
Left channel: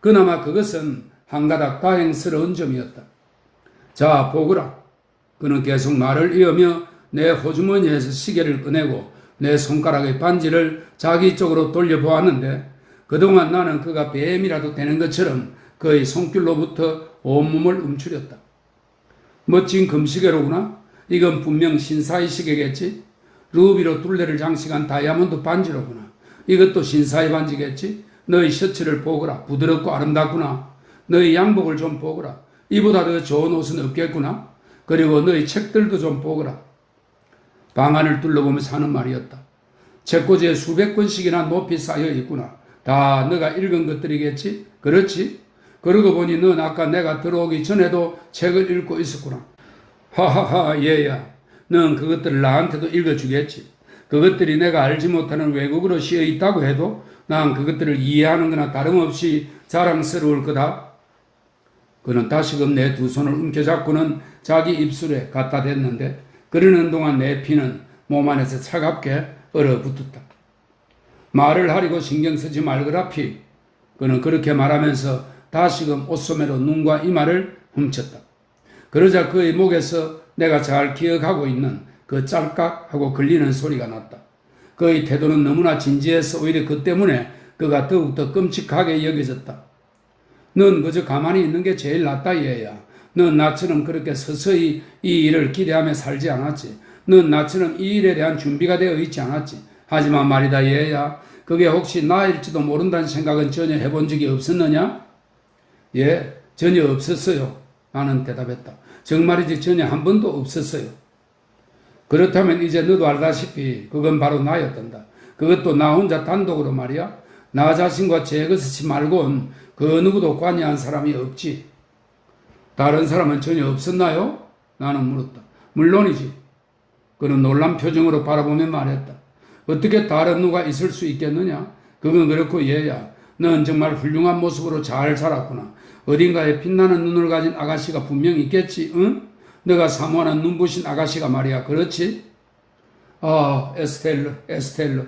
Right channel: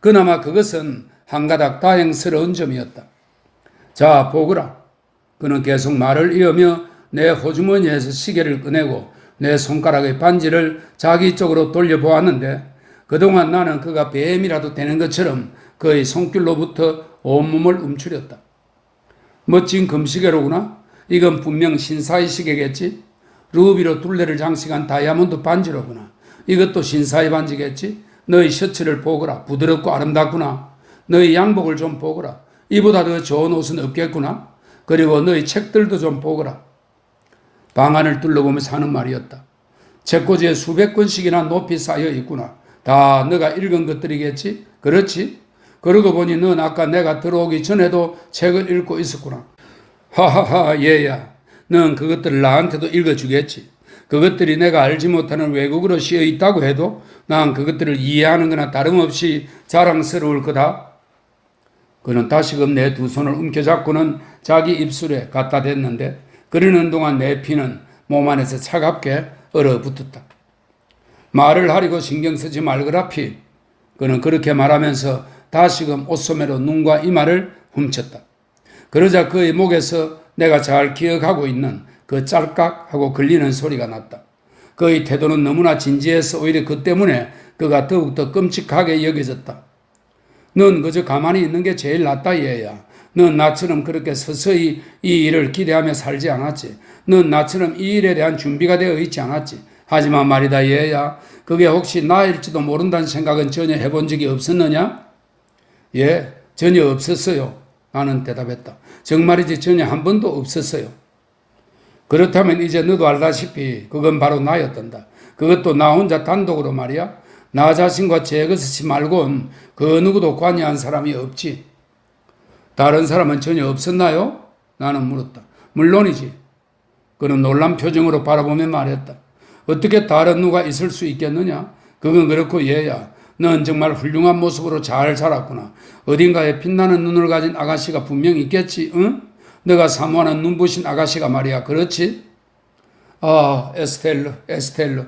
그나마 그것은 한가닥 다행스러운 점이었다. 자, 보거라. 그는 계속 말을 이으며 내 호주머니에서 시계를 꺼내고 내 손가락의 반지를 자기 쪽으로 돌려보았는데 그동안 나는 그가 뱀이라도 되는 것처럼 그의 손길로부터 온몸을 움츠렸다. 멋진 금시계로구나. 이건 분명 신사의 시계겠지. 루비로 둘레를 장식한 다이아몬드 반지로구나. 이것도 신사의 반지겠지. 너의 셔츠를 보거라. 부드럽고 아름답구나. 너의 양복을 좀 보거라. 이보다 더 좋은 옷은 없겠구나. 그리고 너의 책들도 좀 보거라. 방안을 둘러보면서 하는 말이었다. 책꽂이에 수백 권씩이나 높이 쌓여 있구나. 다 너가 읽은 것들이겠지? 그렇지? 그러고 보니 넌 아까 내가 들어오기 전에도 책을 읽고 있었구나. 하하하, 얘야. 넌 그것들을 나한테도 읽어주겠지. 그것들이 내가 알지 못하는 외국어로 씌어 있다고 해도 난 그것들을 이해하는 거나 다름없이 자랑스러울 거다. 그는 다시금 내 두 손을 움켜잡고는 자기 입술에 갖다 댔는데 그러는 동안 내 피는 몸 안에서 차갑게 얼어붙었다. 말을 하려고 신경 쓰지 말거라, 피. 그는 그렇게 말하면서 다시금 옷소매로 눈과 이마를 훔쳤다. 그러자 그의 목에서 내가 잘 기억하고 있는 그 짤깍하고 걸리는 소리가 났다. 그의 태도는 너무나 진지해서 오히려 그 때문에 그가 더욱더 끔찍하게 여겨졌다. 넌 그저 가만히 있는 게 제일 낫다, 얘야. 넌 나처럼 그렇게 서서히 이 일을 기대하며 살지 않았지. 넌 나처럼 이 일에 대한 준비가 되어 있지 않았지. 하지만 말이다, 얘야. 그게 혹시 나일지도 모른다는 생각은 전혀 해본 적이 없었느냐? 예, 전혀 없었어요. 나는 대답했다. 정말이지 전혀 한 번도 없었어요. 그렇다면 이제 너도 알다시피 그건 바로 나였단다. 그것도 나 혼자 단독으로 말이야. 나 자신과 제 것이 말곤 그 누구도 관여한 사람이 없지. 다른 사람은 전혀 없었나요? 나는 물었다. 물론이지. 그는 놀란 표정으로 바라보며 말했다. 어떻게 다른 누가 있을 수 있겠느냐? 그건 그렇고 얘야. 넌 정말 훌륭한 모습으로 잘 자랐구나. 어딘가에 빛나는 눈을 가진 아가씨가 분명 있겠지, 응? 내가 사모하는 눈부신 아가씨가 말이야. 그렇지? 아, 에스텔로.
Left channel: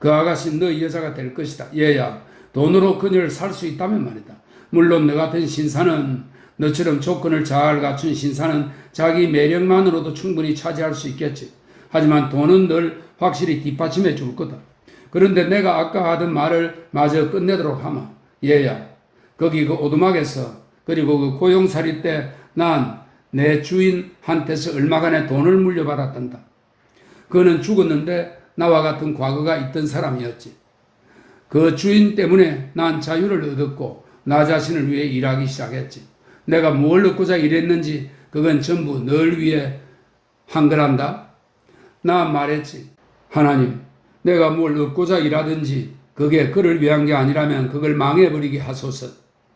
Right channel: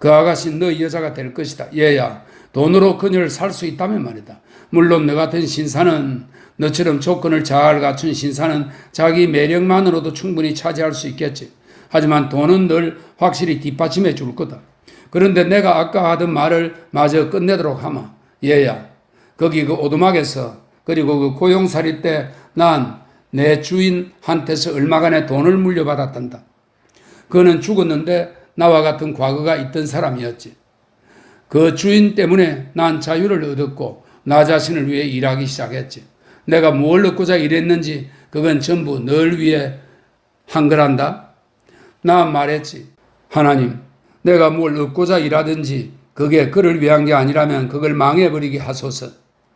그 아가씨는 너 여자가 될 것이다. 얘야, 돈으로 그녀를 살 수 있다면 말이다. 물론 너 같은 신사는, 너처럼 조건을 잘 갖춘 신사는 자기 매력만으로도 충분히 차지할 수 있겠지. 하지만 돈은 늘 확실히 뒷받침해 줄 거다. 그런데 내가 아까 하던 말을 마저 끝내도록 하마. 얘야, 거기 그 오두막에서, 그리고 그 고용살이 때 난 내 주인한테서 얼마간의 돈을 물려받았단다. 그는 죽었는데 나와 같은 과거가 있던 사람이었지. 그 주인 때문에 난 자유를 얻었고 나 자신을 위해 일하기 시작했지. 내가 뭘 얻고자 일했는지 그건 전부 널 위해 한 거란다. 나 말했지. 하나님, 내가 뭘 얻고자 일하든지 그게 그를 위한 게 아니라면 그걸 망해버리게 하소서.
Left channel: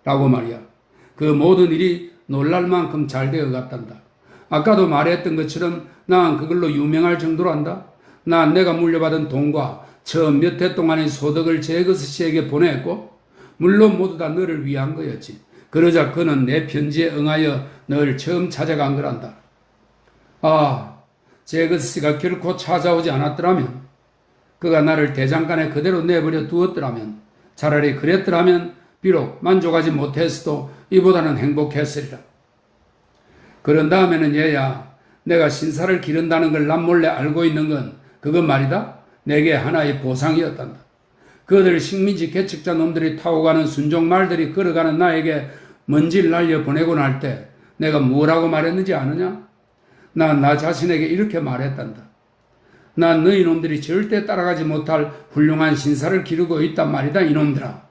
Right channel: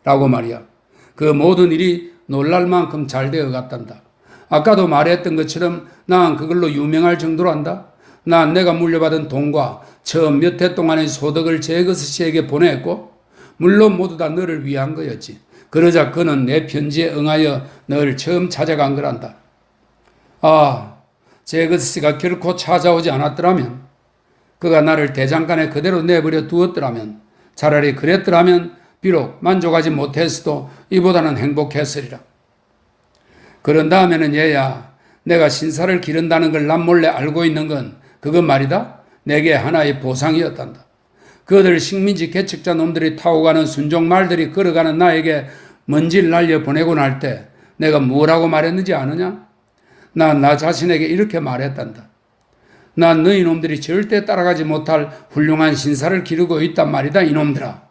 라고 말이야. 그 모든 일이 놀랄 만큼 잘 되어 갔단다. 아까도 말했던 것처럼 난 그걸로 유명할 정도로 한다. 난 내가 물려받은 돈과 처음 몇 해 동안의 소득을 제거스씨에게 보냈고 물론 모두 다 너를 위한 거였지. 그러자 그는 내 편지에 응하여 널 처음 찾아간 거란다. 아, 제거스씨가 결코 찾아오지 않았더라면, 그가 나를 대장간에 그대로 내버려 두었더라면, 차라리 그랬더라면 비록 만족하지 못했어도 이보다는 행복했으리라. 그런 다음에는 얘야, 내가 신사를 기른다는 걸 남몰래 알고 있는 건 그건 말이다. 내게 하나의 보상이었단다. 그들 식민지 개척자 놈들이 타고 가는 순종 말들이 걸어가는 나에게 먼지를 날려 보내고 날 때 내가 뭐라고 말했는지 아느냐? 난 나 자신에게 이렇게 말했단다. 난 너희 놈들이 절대 따라가지 못할 훌륭한 신사를 기르고 있단 말이다, 이놈들아.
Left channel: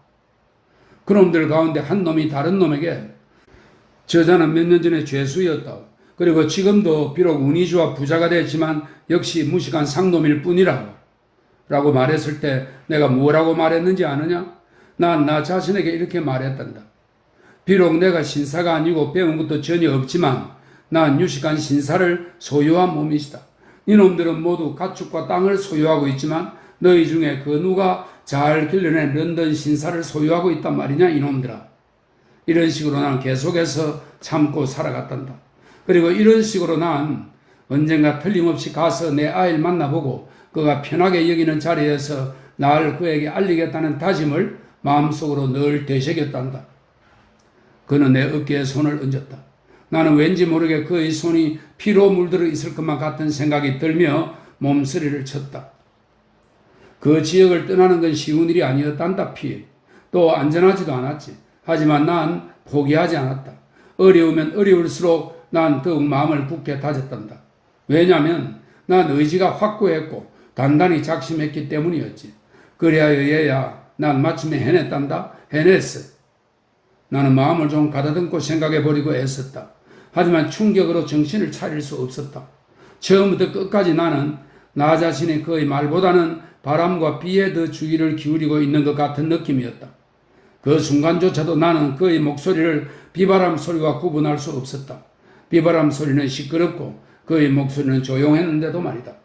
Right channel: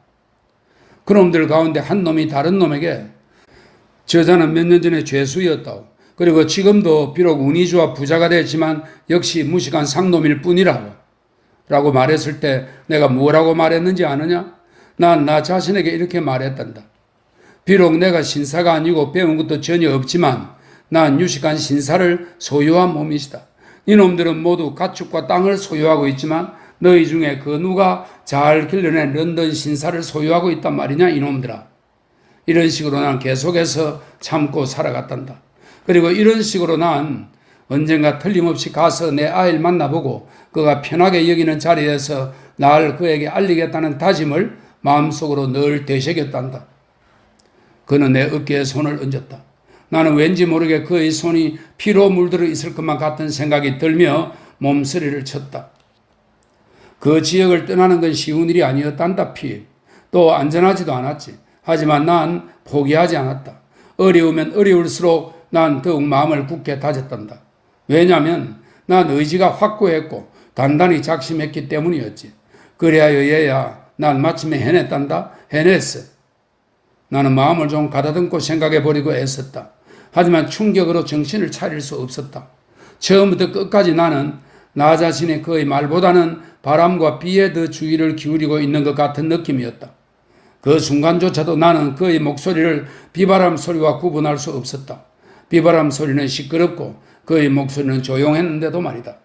그놈들 가운데 한 놈이 다른 놈에게 저자는 몇 년 전에 죄수였다고. 그리고 지금도 비록 운이 좋아 부자가 됐지만 역시 무식한 상놈일 뿐이라고. 라고 말했을 때 내가 뭐라고 말했는지 아느냐? 난 나 자신에게 이렇게 말했단다. 비록 내가 신사가 아니고 배운 것도 전혀 없지만 난 유식한 신사를 소유한 몸이시다. 이놈들은 모두 가축과 땅을 소유하고 있지만 너희 중에 그 누가 잘 길러낸 런던 신사를 소유하고 있단 말이냐, 이놈들아. 이런 식으로 난 계속해서 참고 살아갔단다. 그리고 이런 식으로 난 언젠가 틀림없이 가서 내 아이를 만나보고 그가 편하게 여기는 자리에서 날 그에게 알리겠다는 다짐을 마음속으로 늘 되새겼단다. 그는 내 어깨에 손을 얹었다. 나는 왠지 모르게 그의 손이 피로 물들어 있을 것만 같은 생각이 들며 몸서리를 쳤다. 그 지역을 떠나는 건 쉬운 일이 아니었단다, 피. 또 안전하지도 않았지. 하지만 난 포기하지 않았다. 어려우면 어려울수록 난 더욱 마음을 굳게 다졌단다. 왜냐하면 난 의지가 확고했고 단단히 작심했기 때문이었지. 그래야 얘야, 난 마침내 해냈단다. 해냈어. 나는 마음을 좀 가다듬고 생각해버리고 애썼다. 하지만 충격으로 정신을 차릴 수 없었다. 처음부터 끝까지 나는 나 자신의 그의 말보다는 바람과 비에 더 주의를 기울이고 있는 것 같은 느낌이었다. 그 순간조차도 나는 그의 목소리를 비바람 소리와 구분할 수 없었다. 비바람 소리는 시끄럽고 그의 목소리는 조용했는데도 말이다.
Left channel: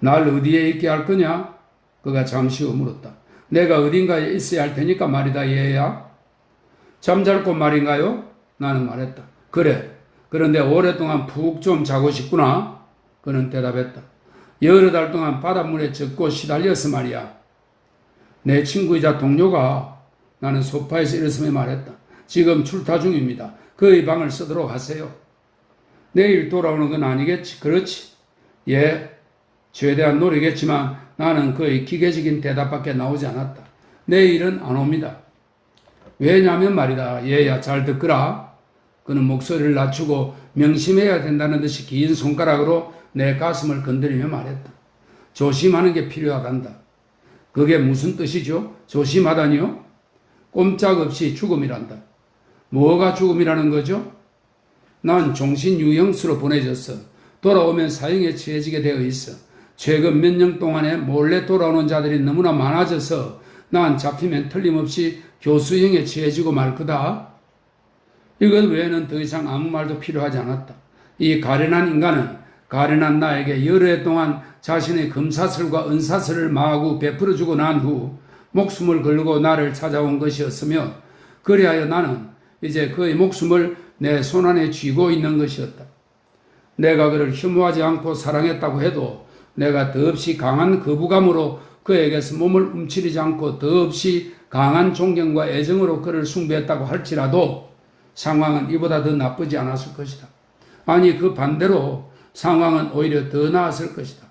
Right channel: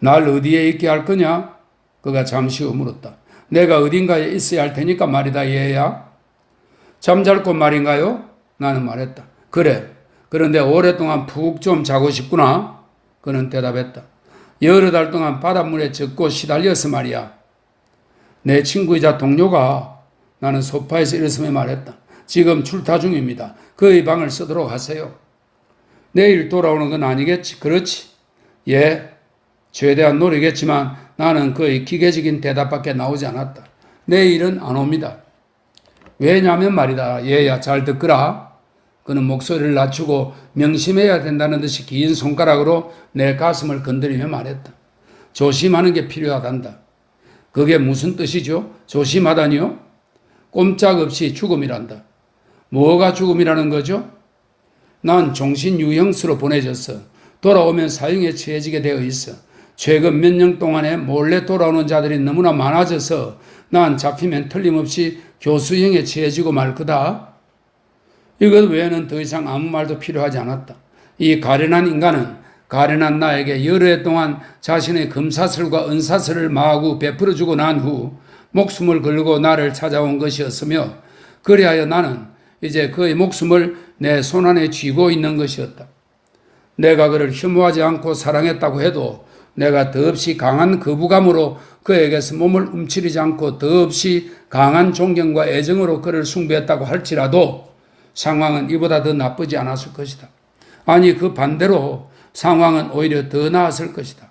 날 어디에 있게 할 거냐? 그가 잠시 후 물었다. 내가 어딘가에 있어야 할 테니까 말이다, 얘야. 잠잘 곳 말인가요? 나는 말했다. 그래. 그런데 오랫동안 푹 좀 자고 싶구나. 그는 대답했다. 여러 달 동안 바닷물에 젖고 시달려서 말이야. 내 친구이자 동료가 나는 소파에서 일어서며 말했다. 지금 출타 중입니다. 그의 방을 쓰도록 하세요. 내일 돌아오는 건 아니겠지? 그렇지? 예, 최대한 노력했지만 나는 그의 기계적인 대답밖에 나오지 않았다. 내일은 안 옵니다. 왜냐하면 말이다. 얘야, 잘 듣거라. 그는 목소리를 낮추고 명심해야 된다는 듯이 긴 손가락으로 내 가슴을 건드리며 말했다. 조심하는 게 필요하단다. 그게 무슨 뜻이죠? 조심하다니요? 꼼짝없이 죽음이란다. 뭐가 죽음이라는 거죠? 난 종신유형수로 보내졌어. 돌아오면 사형에 처해지게 되어 있어. 최근 몇 년 동안에 몰래 돌아오는 자들이 너무나 많아져서 난 잡히면 틀림없이 교수형에 처해지고 말 거다. 이것 외에는 더 이상 아무 말도 필요하지 않았다. 이 가련한 인간은 가련한 나에게 여러 해 동안 자신의 금사슬과 은사슬을 마구 베풀어주고 난 후 목숨을 걸고 나를 찾아온 것이었으며, 그리하여 나는 이제 그의 목숨을 내 손안에 쥐고 있는 것이었다. 내가 그를 혐오하지 않고 사랑했다고 해도 내가 더없이 강한 거부감으로 그에게서 몸을 움츠리지 않고 더없이 강한 존경과 애정으로 그를 숭배했다고 할지라도 상황은 이보다 더 나쁘지 않았을 것이다. 아니, 그 반대로 상황은 오히려 더 나았을 것이다.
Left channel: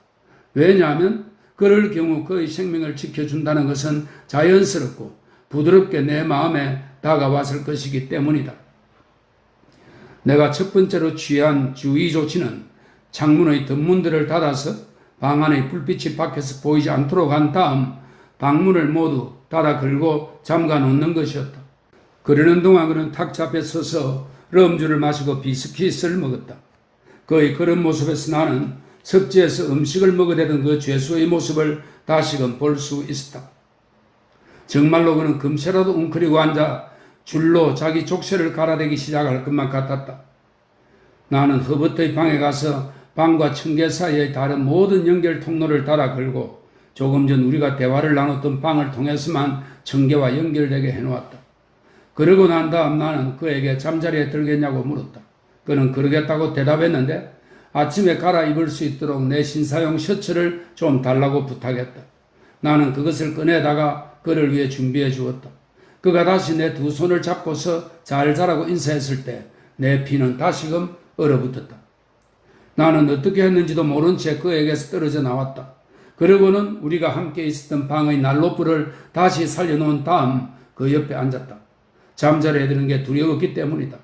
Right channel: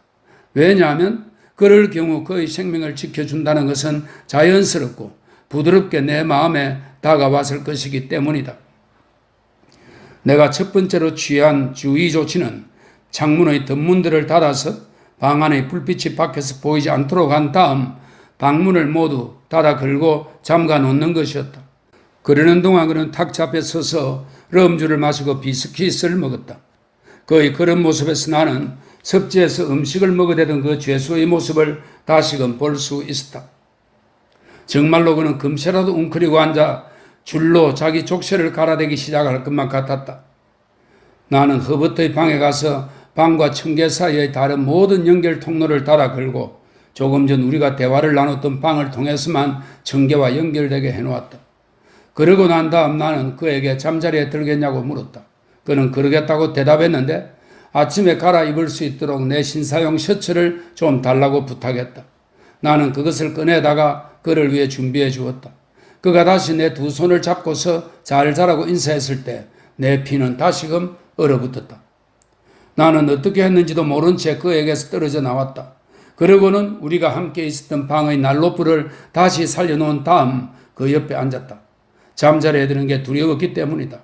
왜냐하면 그럴 경우 그의 생명을 지켜준다는 것은 자연스럽고 부드럽게 내 마음에 다가왔을 것이기 때문이다. 내가 첫 번째로 취한 주의 조치는 창문의 덧문들을 닫아서 방 안의 불빛이 밖에서 보이지 않도록 한 다음 방문을 모두 닫아 걸고 잠가 놓는 것이었다. 그러는 동안 그는 탁자 앞에 서서 럼주를 마시고 비스킷을 먹었다. 그의 그런 모습에서 나는 섭지에서 음식을 먹어대던 그 죄수의 모습을 다시금 볼 수 있었다. 정말로 그는 금세라도 웅크리고 앉아 줄로 자기 족쇄를 갈아대기 시작할 것만 같았다. 나는 허버트의 방에 가서 방과 청계 사이의 다른 모든 연결 통로를 닫아 걸고 조금 전 우리가 대화를 나눴던 방을 통해서만 청계와 연결되게 해놓았다. 그러고 난 다음 나는 그에게 잠자리에 들겠냐고 물었다. 그는 그러겠다고 대답했는데 아침에 갈아입을 수 있도록 내 신사용 셔츠를 좀 달라고 부탁했다. 나는 그것을 꺼내다가 그를 위해 준비해 주었다. 그가 다시 내 두 손을 잡고서 잘 자라고 인사했을 때 내 피는 다시금 얼어붙었다. 나는 어떻게 했는지도 모른 채 그에게서 떨어져 나왔다. 그러고는 우리가 함께 있었던 방의 난로불을 다시 살려놓은 다음 그 옆에 앉았다. 잠자리에 드는 게 두려웠기 때문이다.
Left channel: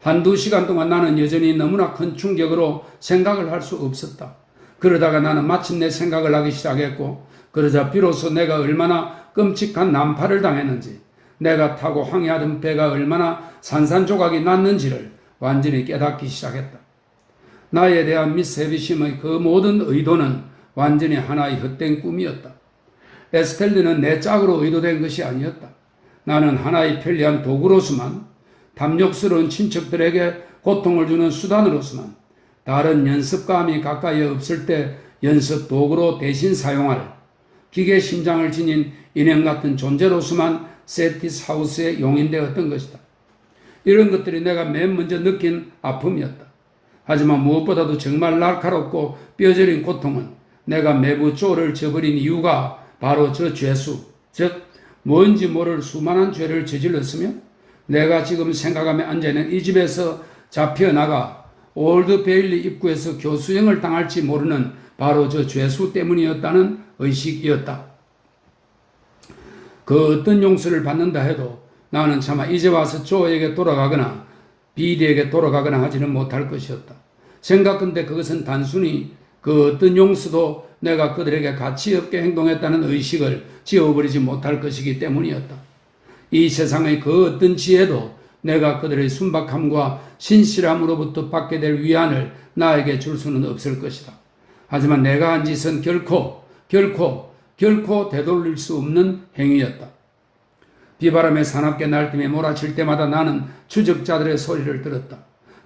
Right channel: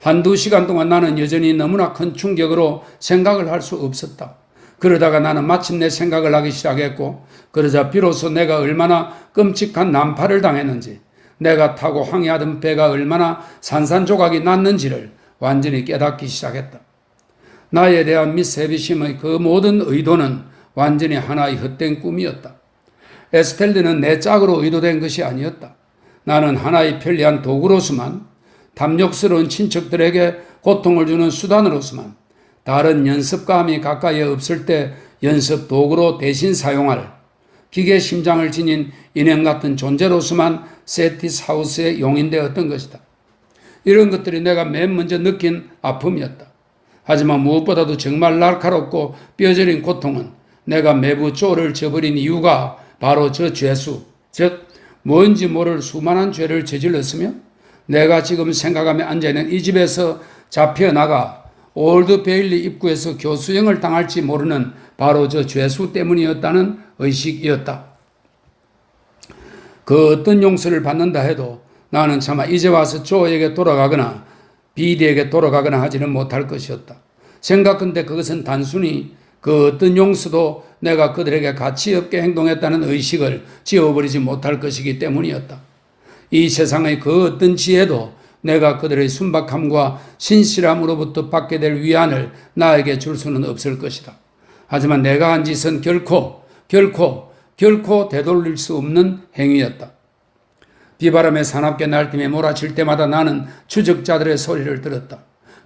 한두 시간 동안 나는 여전히 너무나 큰 충격으로 생각을 할 수 없었다. 그러다가 나는 마침내 생각을 하기 시작했고, 그러자 비로소 내가 얼마나 끔찍한 난파를 당했는지, 내가 타고 항해하던 배가 얼마나 산산조각이 났는지를 완전히 깨닫기 시작했다. 나에 대한 미스 해비심의 그 모든 의도는 완전히 하나의 헛된 꿈이었다. 에스텔드는 내 짝으로 의도된 것이 아니었다. 나는 하나의 편리한 도구로서만, 탐욕스러운 친척들에게 고통을 주는 수단으로서만, 다른 연습감이 가까이 없을 때 연습 도구로 대신 사용할 기계 심장을 지닌 인형 같은 존재로서만 세티스 하우스에 용인되었던 것이다. 이런 것들이 내가 맨 먼저 느낀 아픔이었다. 하지만 무엇보다도 정말 날카롭고 뼈저린 고통은 내가 매부 쪼를 저버린 이유가 바로 저 죄수, 즉 뭔지 모를 수많은 죄를 저질렀으며, 내가 지금 생각하며 앉아있는 이 집에서 잡혀나가 올드 베일리 입구에서 교수형을 당할지 모르는 바로 저 죄수 때문이었다는 의식이었다. 그 어떤 용서를 받는다 해도 나는 차마 이제 와서 조에게 돌아가거나 비디에게 돌아가거나 하지는 못할 것이었다. 생각컨대 그것은 단순히 그 어떤 용서도 내가 그들에게 가치 없게 행동했다는 의식을 지워버리지 못할 것이기 때문이었다. 이 세상의 그 어떤 지혜도 내가 그들의 순박함과 신실함으로부터 받게 될 위안을 나에게 줄 수는 없을 것이다. 하지만 내가 한 짓은 결코 되돌릴 수 없는 행위였다. 비바람에 사납게 날뛰며 몰아칠 때마다 나는 추적자들의 소리를 들었다.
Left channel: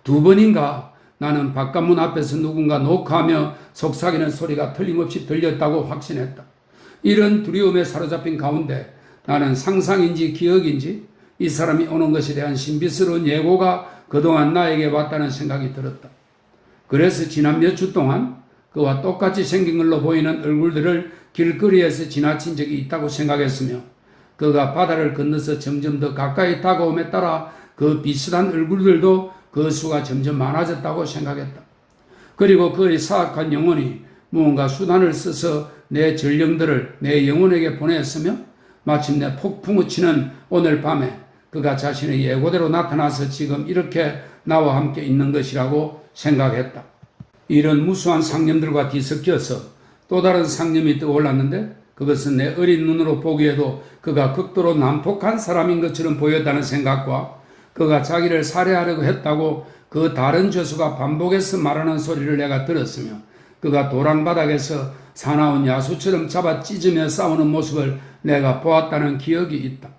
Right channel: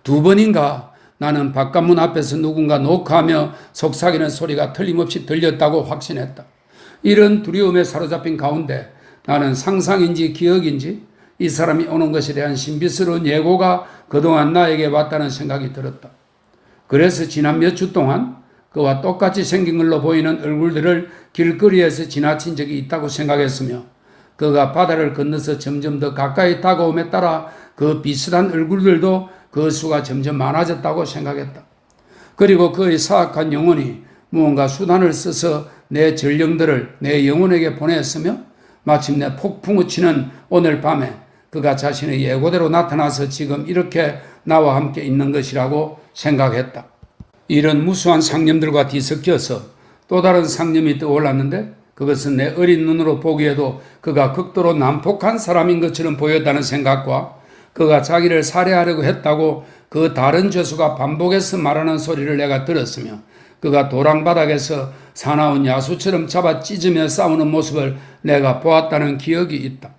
2번인가 나는 바깥문 앞에서 누군가 녹화하며 속삭이는 소리가 틀림없이 들렸다고 확신했다. 이런 두려움에 사로잡힌 가운데 나는 상상인지 기억인지 이 사람이 오는 것에 대한 신비스러운 예고가 그동안 나에게 왔다는 생각이 들었다. 그래서 지난 몇 주 동안 그와 똑같이 생긴 걸로 보이는 얼굴들을 길거리에서 지나친 적이 있다고 생각했으며, 그가 바다를 건너서 점점 더 가까이 다가옴에 따라 그 비슷한 얼굴들도 그 수가 점점 많아졌다고 생각했다. 그리고 그의 사악한 영혼이 무언가 수단을 써서 내 전령들을 내 영혼에게 보냈으며, 마침내 폭풍우 치는 오늘 밤에 그가 자신의 예고대로 나타나서 지금 이렇게 나와 함께 있는 것이라고 생각했다. 이런 무수한 상념들과 뒤섞여서 또 다른 상념이 떠올랐는데, 그것은 내 어린 눈으로 보기에도 그가 극도로 난폭한 사람인 것처럼 보였다는 생각과 그가 자기를 살해하려고 했다고 그 다른 죄수가 반복해서 말하는 소리를 내가 들었으며 그가 도랑바닥에서 사나운 야수처럼 잡아 찢으며 싸우는 모습을 내가 보았다는 기억이 있다.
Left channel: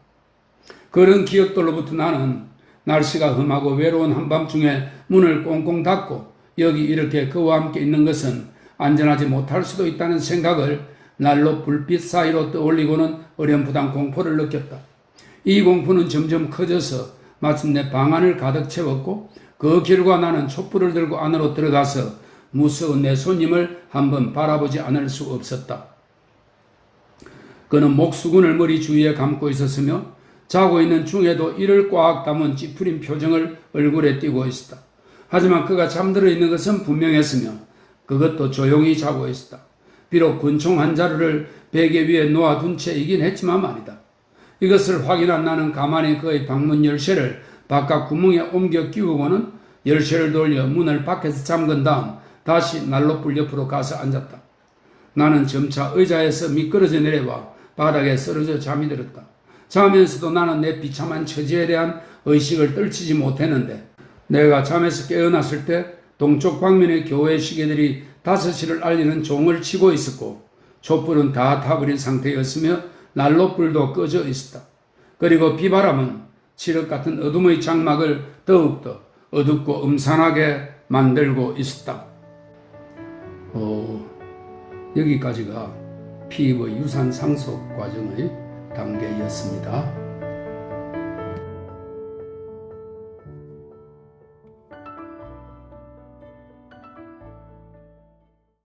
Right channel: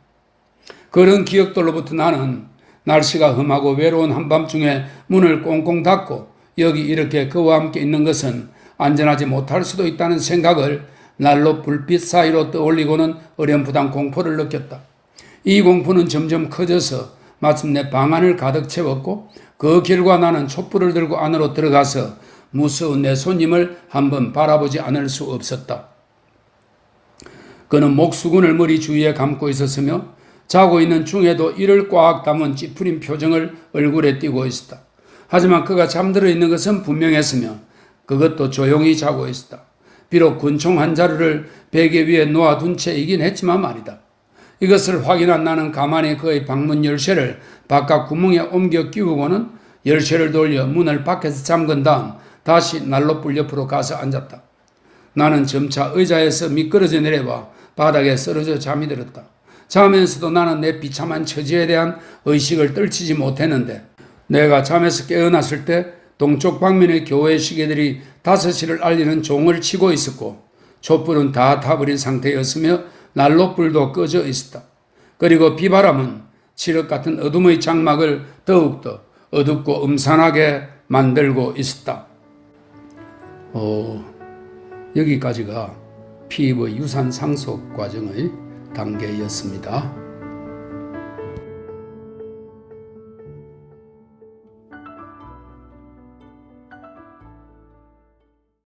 그런 기억들로부터 나는 날씨가 험하고 외로운 한밤중에 문을 꽁꽁 닫고 여기 이렇게 그와 함께 있는 것은 안전하지 못할 수도 있다는 생각을 난로 불빛 사이로 떠올리고는 어렴풋한 공포를 느꼈다. 이 공포는 점점 커져서 마침내 방 안을 가득 채웠고 그 결과 나는 촛불을 들고 안으로 들어가서 무서운 내 손님을 한번 바라보지 않을 수 없었다. 그는 목수건을 머리 주위에 감고 있었으며 자고 있는 중에도 이를 꽉 담은 찌푸린 표정을 얼굴에 띄고 있었다. 하지만 그가 잠들어 있는 것은 분명했으며 그것도 조용히 자고 있었다. 비록 군총 한 자루를 베개 위에 놓아둔 채이긴 했지만 말이다. 이것을 확인한 나는 가만히 그의 방문 열쇠를 바깥 구멍에 옮겨 끼우고는 열쇠를 돌려 문을 밖에서 잠근 다음 다시 난로불 옆으로 가서 앉았다. 나는 점차 의자에서 미끄러져 내려와 바닥에 쓰러져 잠이 들었다. 자면서도 나는 내 비참한 처지에 대한 의식을 떨치지 못했는데 내가 잠에서 깨어났을 때 동쪽 방면의 교회 시계들이 5시를 알리는 종을 치고 있었고 촛불은 다 타버린 상태였으며 난로불도 꺼져 있었다. 그리고 비바람은 칠흑 같은 어둠의 장막을 더욱더 어둡고 음산하게 만들고 있었다. 여기까지가 피입의 유산 상속 과정의 단계였습니다.